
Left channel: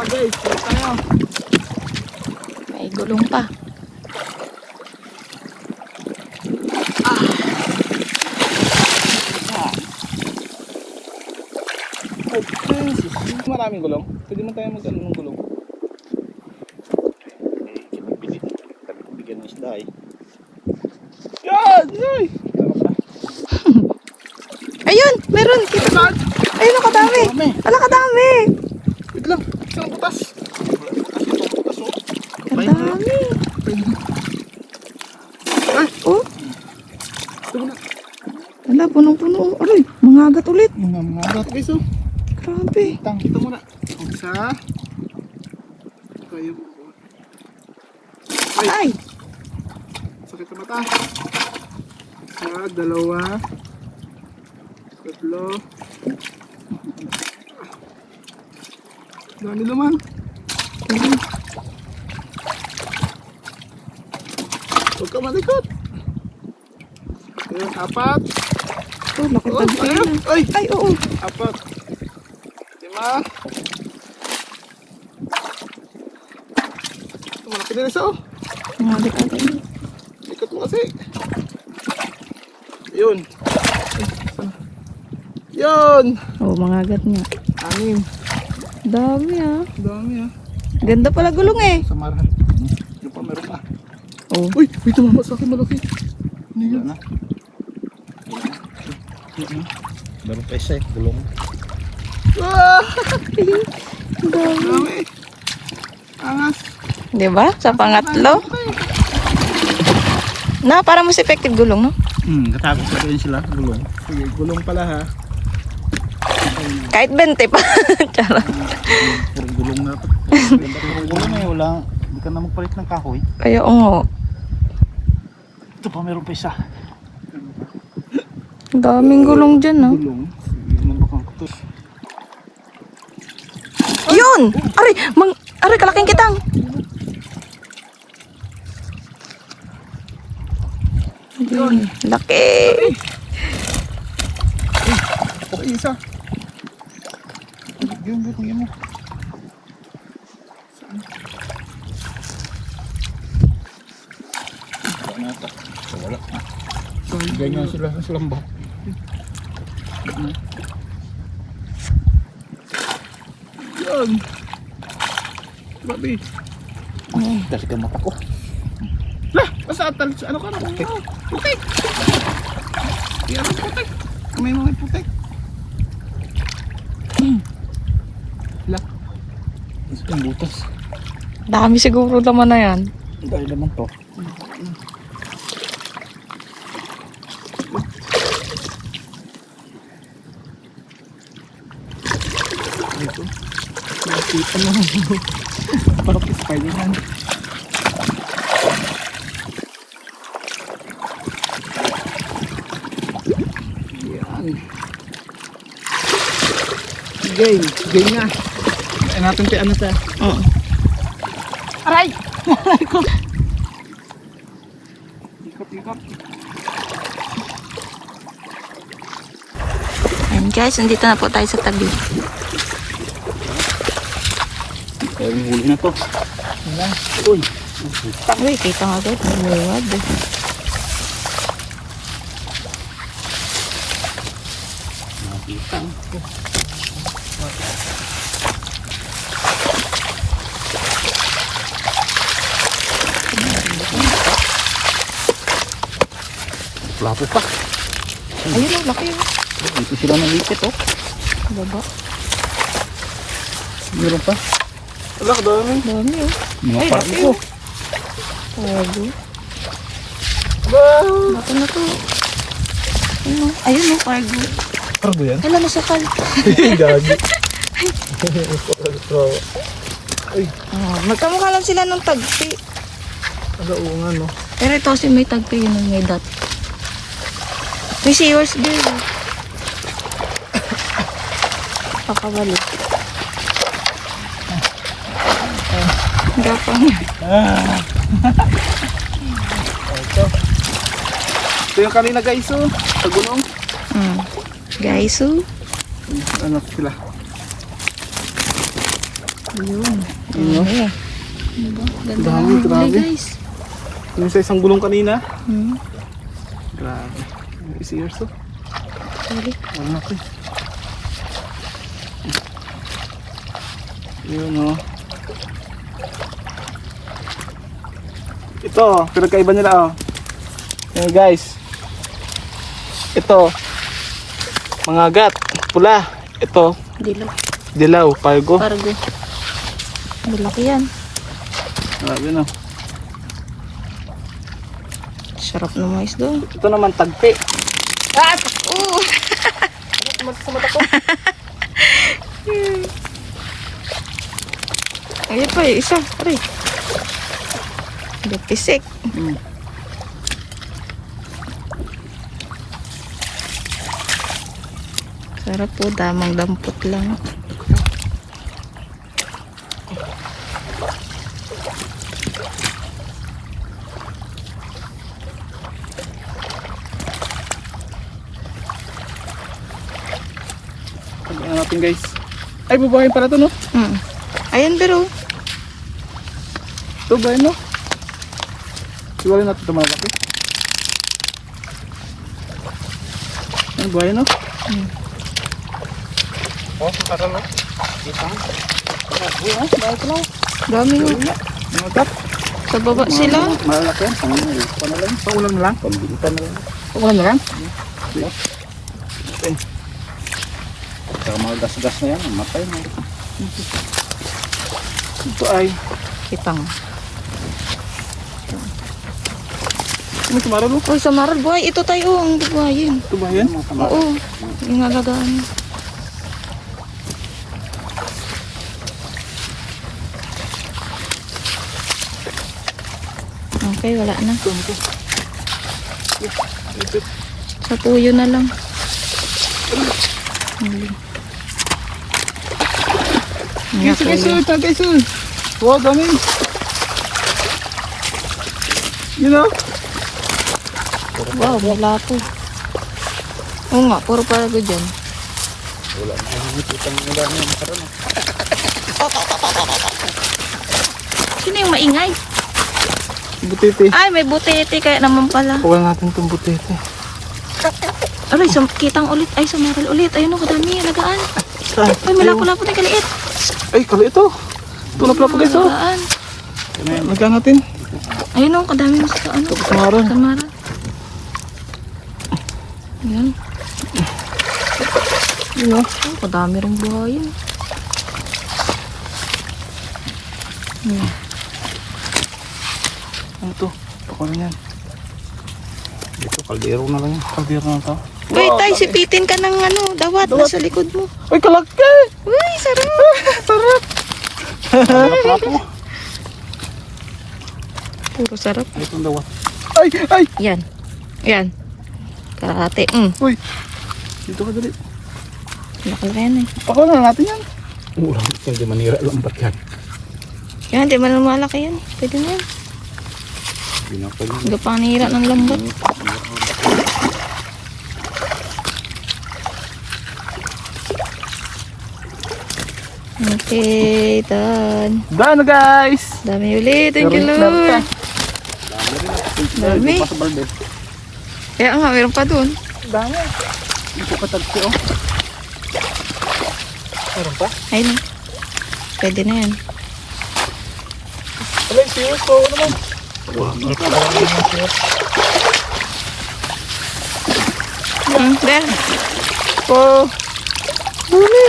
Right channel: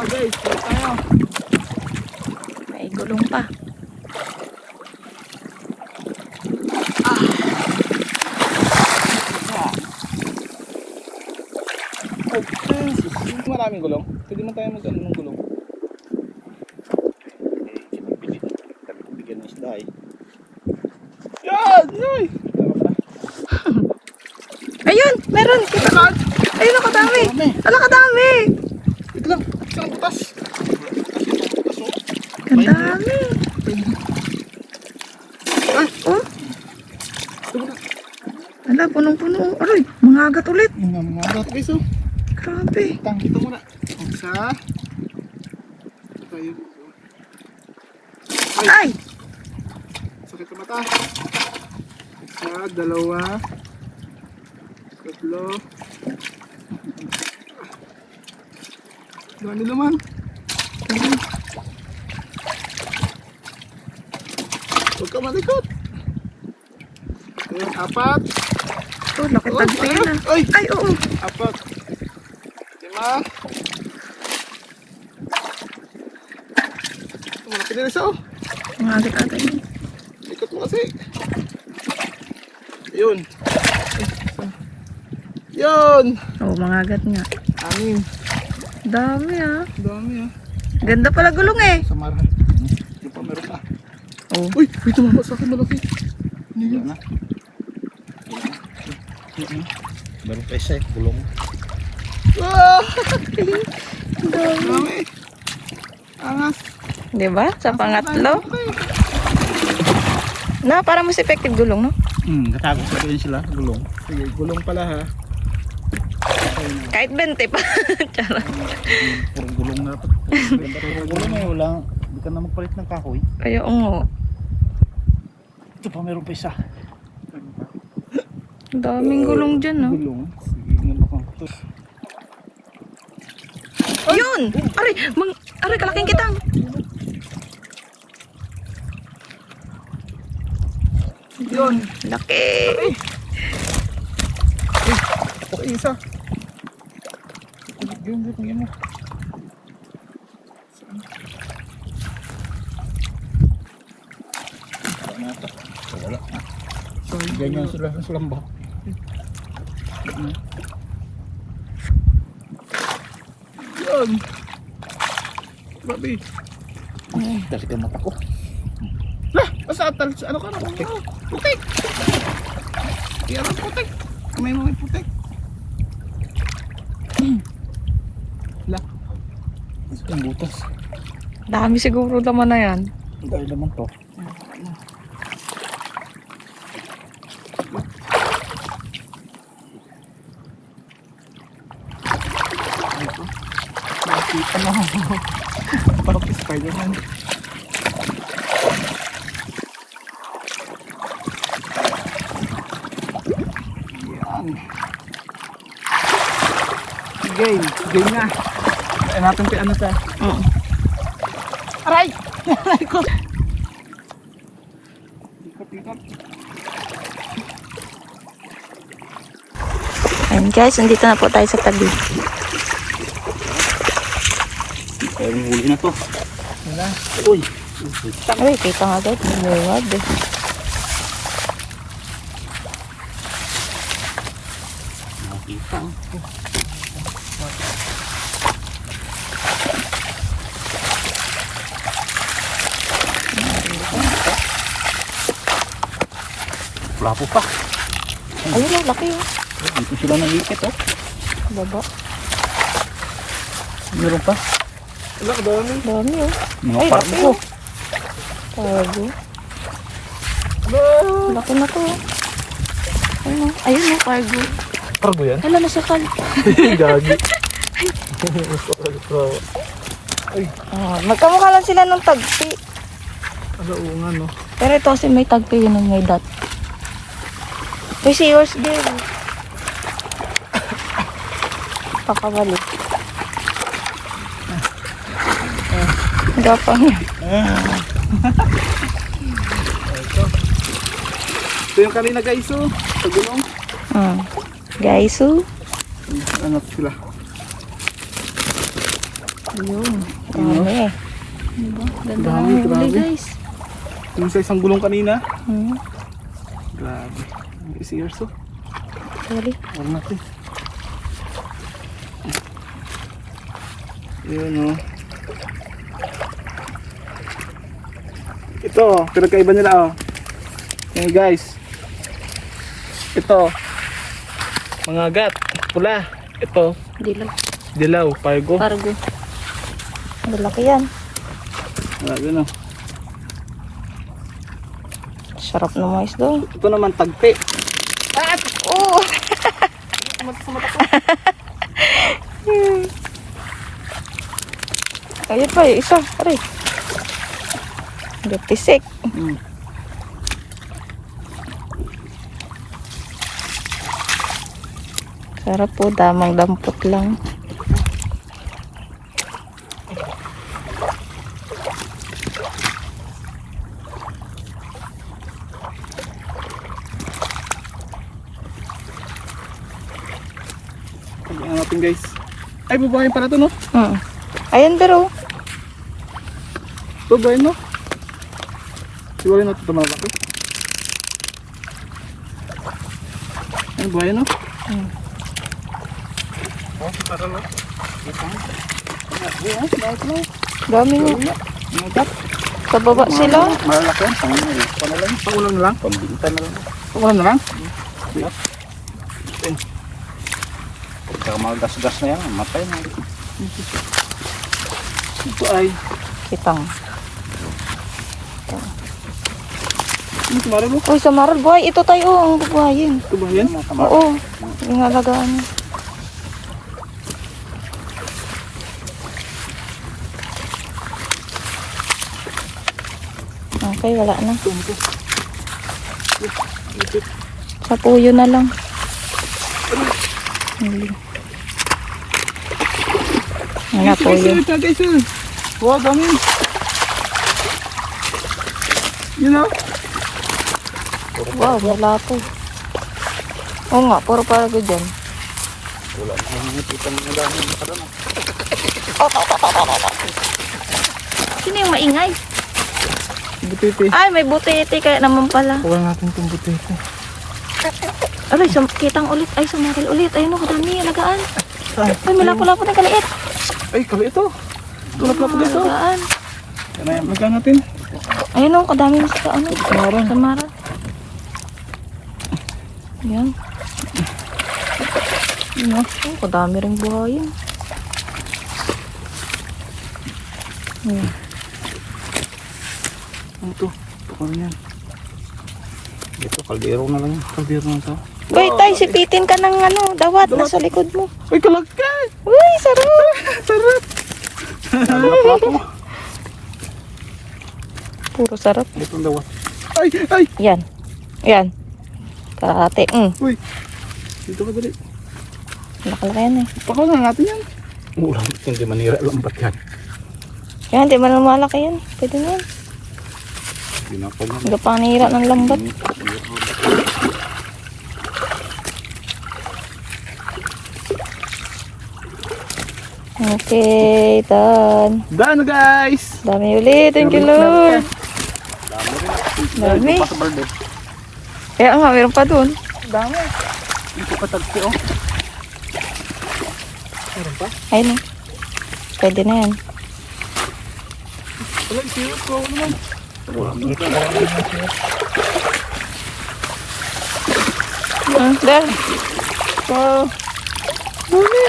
Okay guys, balik tayo. May gulong pa. Okay. Maraming gulong. Pwede man tayo mag-ano ng gulong. Sabi ko bigyan ng isda eh. Yan! Ay! Tama ka na. Ayun! Meron! Kita ka! Ayun, nakadami! Dami. Nakadami! Wait lang. Isang butas. Ang dami! Ay! Oh! Ito mo na. Ala, punong-puno. Aray, mga agat ulit. Mga agat guys oh. Grabe. Kita mo na. Isa. Tayo. Ay! Sakit sa mata. Isa, dalawa. Tatlo. Dami naman. Huwag ka malikot. Ayan, apat. Oh, laki Oh, tagpi ayan. na. Ay! Ay, oo. Apat. Lima. Ito, malaki din isa oh. Mga agat-agat. Ikot mo kasi. Yun. Ay, sana. Yun. Oh, mga agat nga. Anim. Dami ah. Dami ah. Ganda pala gulong eh. Samaran. Yung pa meron pa. Oh. Uy! Uy! Tumama sa akin malaki. Ano yun? Meron pa isa eh, gulong. Ah! Dami. Dami. Angas. Diba? Sa pangatlo. Na, para mas effective gulong, no? Katakot pa rin sila, gulong. Sige, gulong pala ha. Kahit 20 pa. Charot. Puro gulong na. Puro gulong eh, wala. Hindi ka na magpalit ng kahoy. Kaya oo. Ito pa, meron pa isa. Ang daming gulong dyan, no? Gulong. Sige, nabakang ko to. Yun! Aray! Aray, kalaking kitang! Yun! Laki! Okay, isa. Yun, yun mo. Wala na ito. Wala. Sorry. Ganyan sila sa lambak. Yun. Grabe. Dali ka mata ko. Lah! Basta ano ka na? Putik! Yan ang putik. May mga putik. Lah. Isa yung butas. Dami siguro naman na yan. Dahil naman to. Ito. Nakita na. Parang Spider-Man. Yan. Game. Game na. Kaya natin ano ta. Oo. Aray! Aray ko! Ikot. Ayan guys, nandito na po tayo sa tabi. Kaya huli na to. Wala. Uy! Uy, kita nga agad. Bumuwad eh. Nakita. Wala po pa. Ayun ang laki oh. Dito sila nangipit oh. Baba. Meron pa. Wala ka dami. Dami oh. Mga Ay, parang laki ko. oh. Tago. Laki na to. Ayun oh. Ayun oh, cargo. Pargo yan? Hala, nasakal. Gagi. Oh, magkamukha lang sila ng tagpi. Ano nga no? Pero ito kasi may tagpi yun ang may dot. May seahorse there. Pakabalik. Gapang yan. Ito yung kanina guys oh. Sa gulong. Guys, oh. Ano sila? Yun. Dami. Diba? Ganda Dami, ng huli grabe. guys. Yung sa isang gulong kanina. Hmm. Grabe. Is years oh. Sorry. Wala na ito. Yun oh. Ito, pinagkaiba nila oh. Ayan guys. Ito. Mga gat. Pula. Ito. Dilaw. Dilaw. Pargo. Pargo. Malaki yan. Grabe no. Sarap na mais doon. Ito naman tagpi. Oh! Sa mata ko. Ayun pa, yung isa. Aray. Gapisik. Sarap po, damang dampot lang. Pagyan natin guys. Ay, babahin pala ito no? Ayun, pero. Ito ba no? Siwalin natin ito malaki. Ano ba no? Oh, para na. Dito. Dami nga. Mga gat. Sa baba sila. Malalaki yan. Pangulang na lang. Pambilitan na lang. Pangulang na lang? Yes. Saka mga gas-gas na yan. Matay na. Ito ay. Kitang. Ano sumaralo? Oh, sa maral buhay. Ito tayo ang buhayin. Ito ba yan? Oo. Inalagaan niya. Okay, wala na. Ito. Ito. Sa puyo na lang. Ano po yun? Guys. Wow, dami. You know? Wow, may lapo. Oo nga, puro parago dyan. Wala. Nakikita mo dami. Sino yung maingay? Butete. Ay, may butete kaya naman pala. Kuha natin itong butete. Aray, kitang ulit. Ay, sumaral ulit. Ayun o, kadami. Alagaan. Saan? Ay, may lapo-lapo na kaliit. Ay, kala ito. Tulap-lap guys. Alagaan. Nagkaan natin. Ayun o, kadami na sa ano. Samaran. Sa maral. Yan. Yan. Oh, kadami rin buhayin. Yan. Ano to? Ano yan? Ito, kaldero na lang yan. Kaldero na to. Uy, tay, sipitin ka ng ano, dawat na sa likod mo. Uy, kalagka! Uy, sarap. Sarap! Sarap mo. Puro sarap. Itong dawat. Ay! Ay! Yan. Yan. Karate. Uy! Dito ka dali. Nakalaki yan eh. Pakaw na natin yan. Ulang, hindi manira lambat yan. Yan, di man lumalaki yan. Pwede na yan. Pinapal yan. Gapanira ng lambat. Okay, done. Done guys! Dami ulit. Thank you, Lord. Dami. Pa sa balde. Kaya nga, meron pa dun. Dami. Hindi ko patagsi oh. Meron pa? Ayun. Pwede na yan. Alay, siyos ko. Ano naman? There. Oh.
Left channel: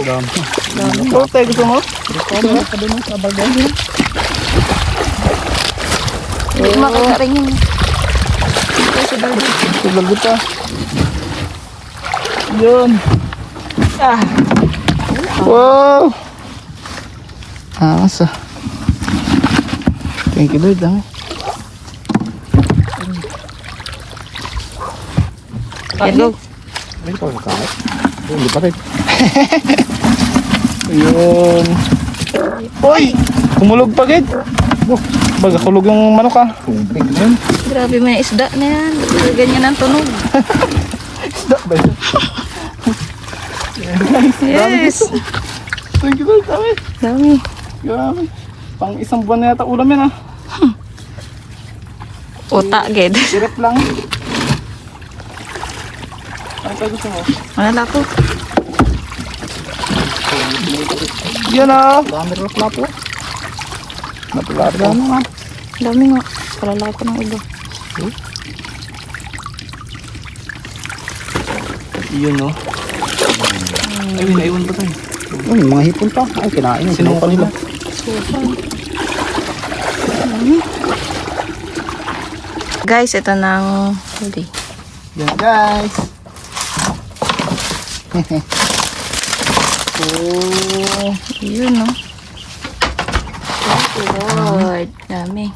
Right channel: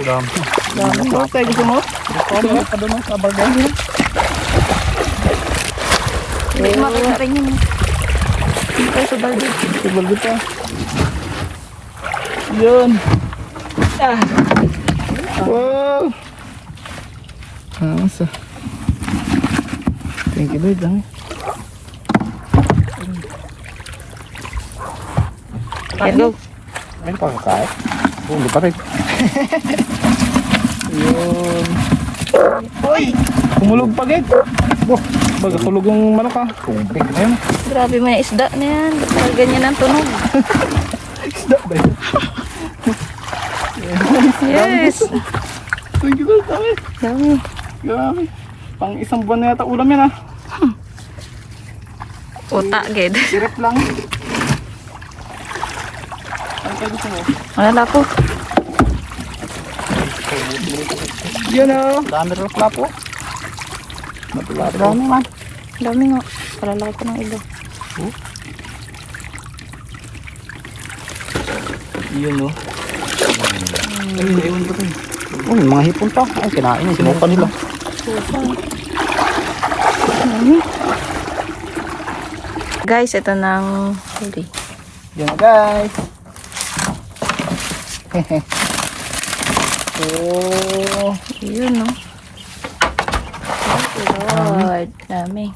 Dami. Dami. Oh, tayo gusto mo? Meron pa doon sa balde. Hindi makita rin yun. Ito sa balde. Silagot ka. Yun. Ah. Wow. Asa. Thank you, Lord. Hello. Ay, pa kahit. Hindi pa rin. Yun. Uy! Kumulog pa, Gid. Baga kulog yung manok ah. Yun. Grabe mo yung isda na yan. Ba't ganyan ang tunog? Isda ba yun? Yes. Thank you, Lord. Dami. Dami. Grabe. Pang isang buwan na yata ulam yan ah. Uta, Ged. Sirap lang. Ano pa gusto mo? Wala ko. Yan ah. Dami rin flap oh. Matulari. Dami man. Dami nga. Palalaki ko ng iba. Yun oh. Mga hipon pa. Ay, kinain. Sinukan nila. Guys, ito nang huli. Yan guys. Oh. Yun, no? Thank you, Lord. Dami.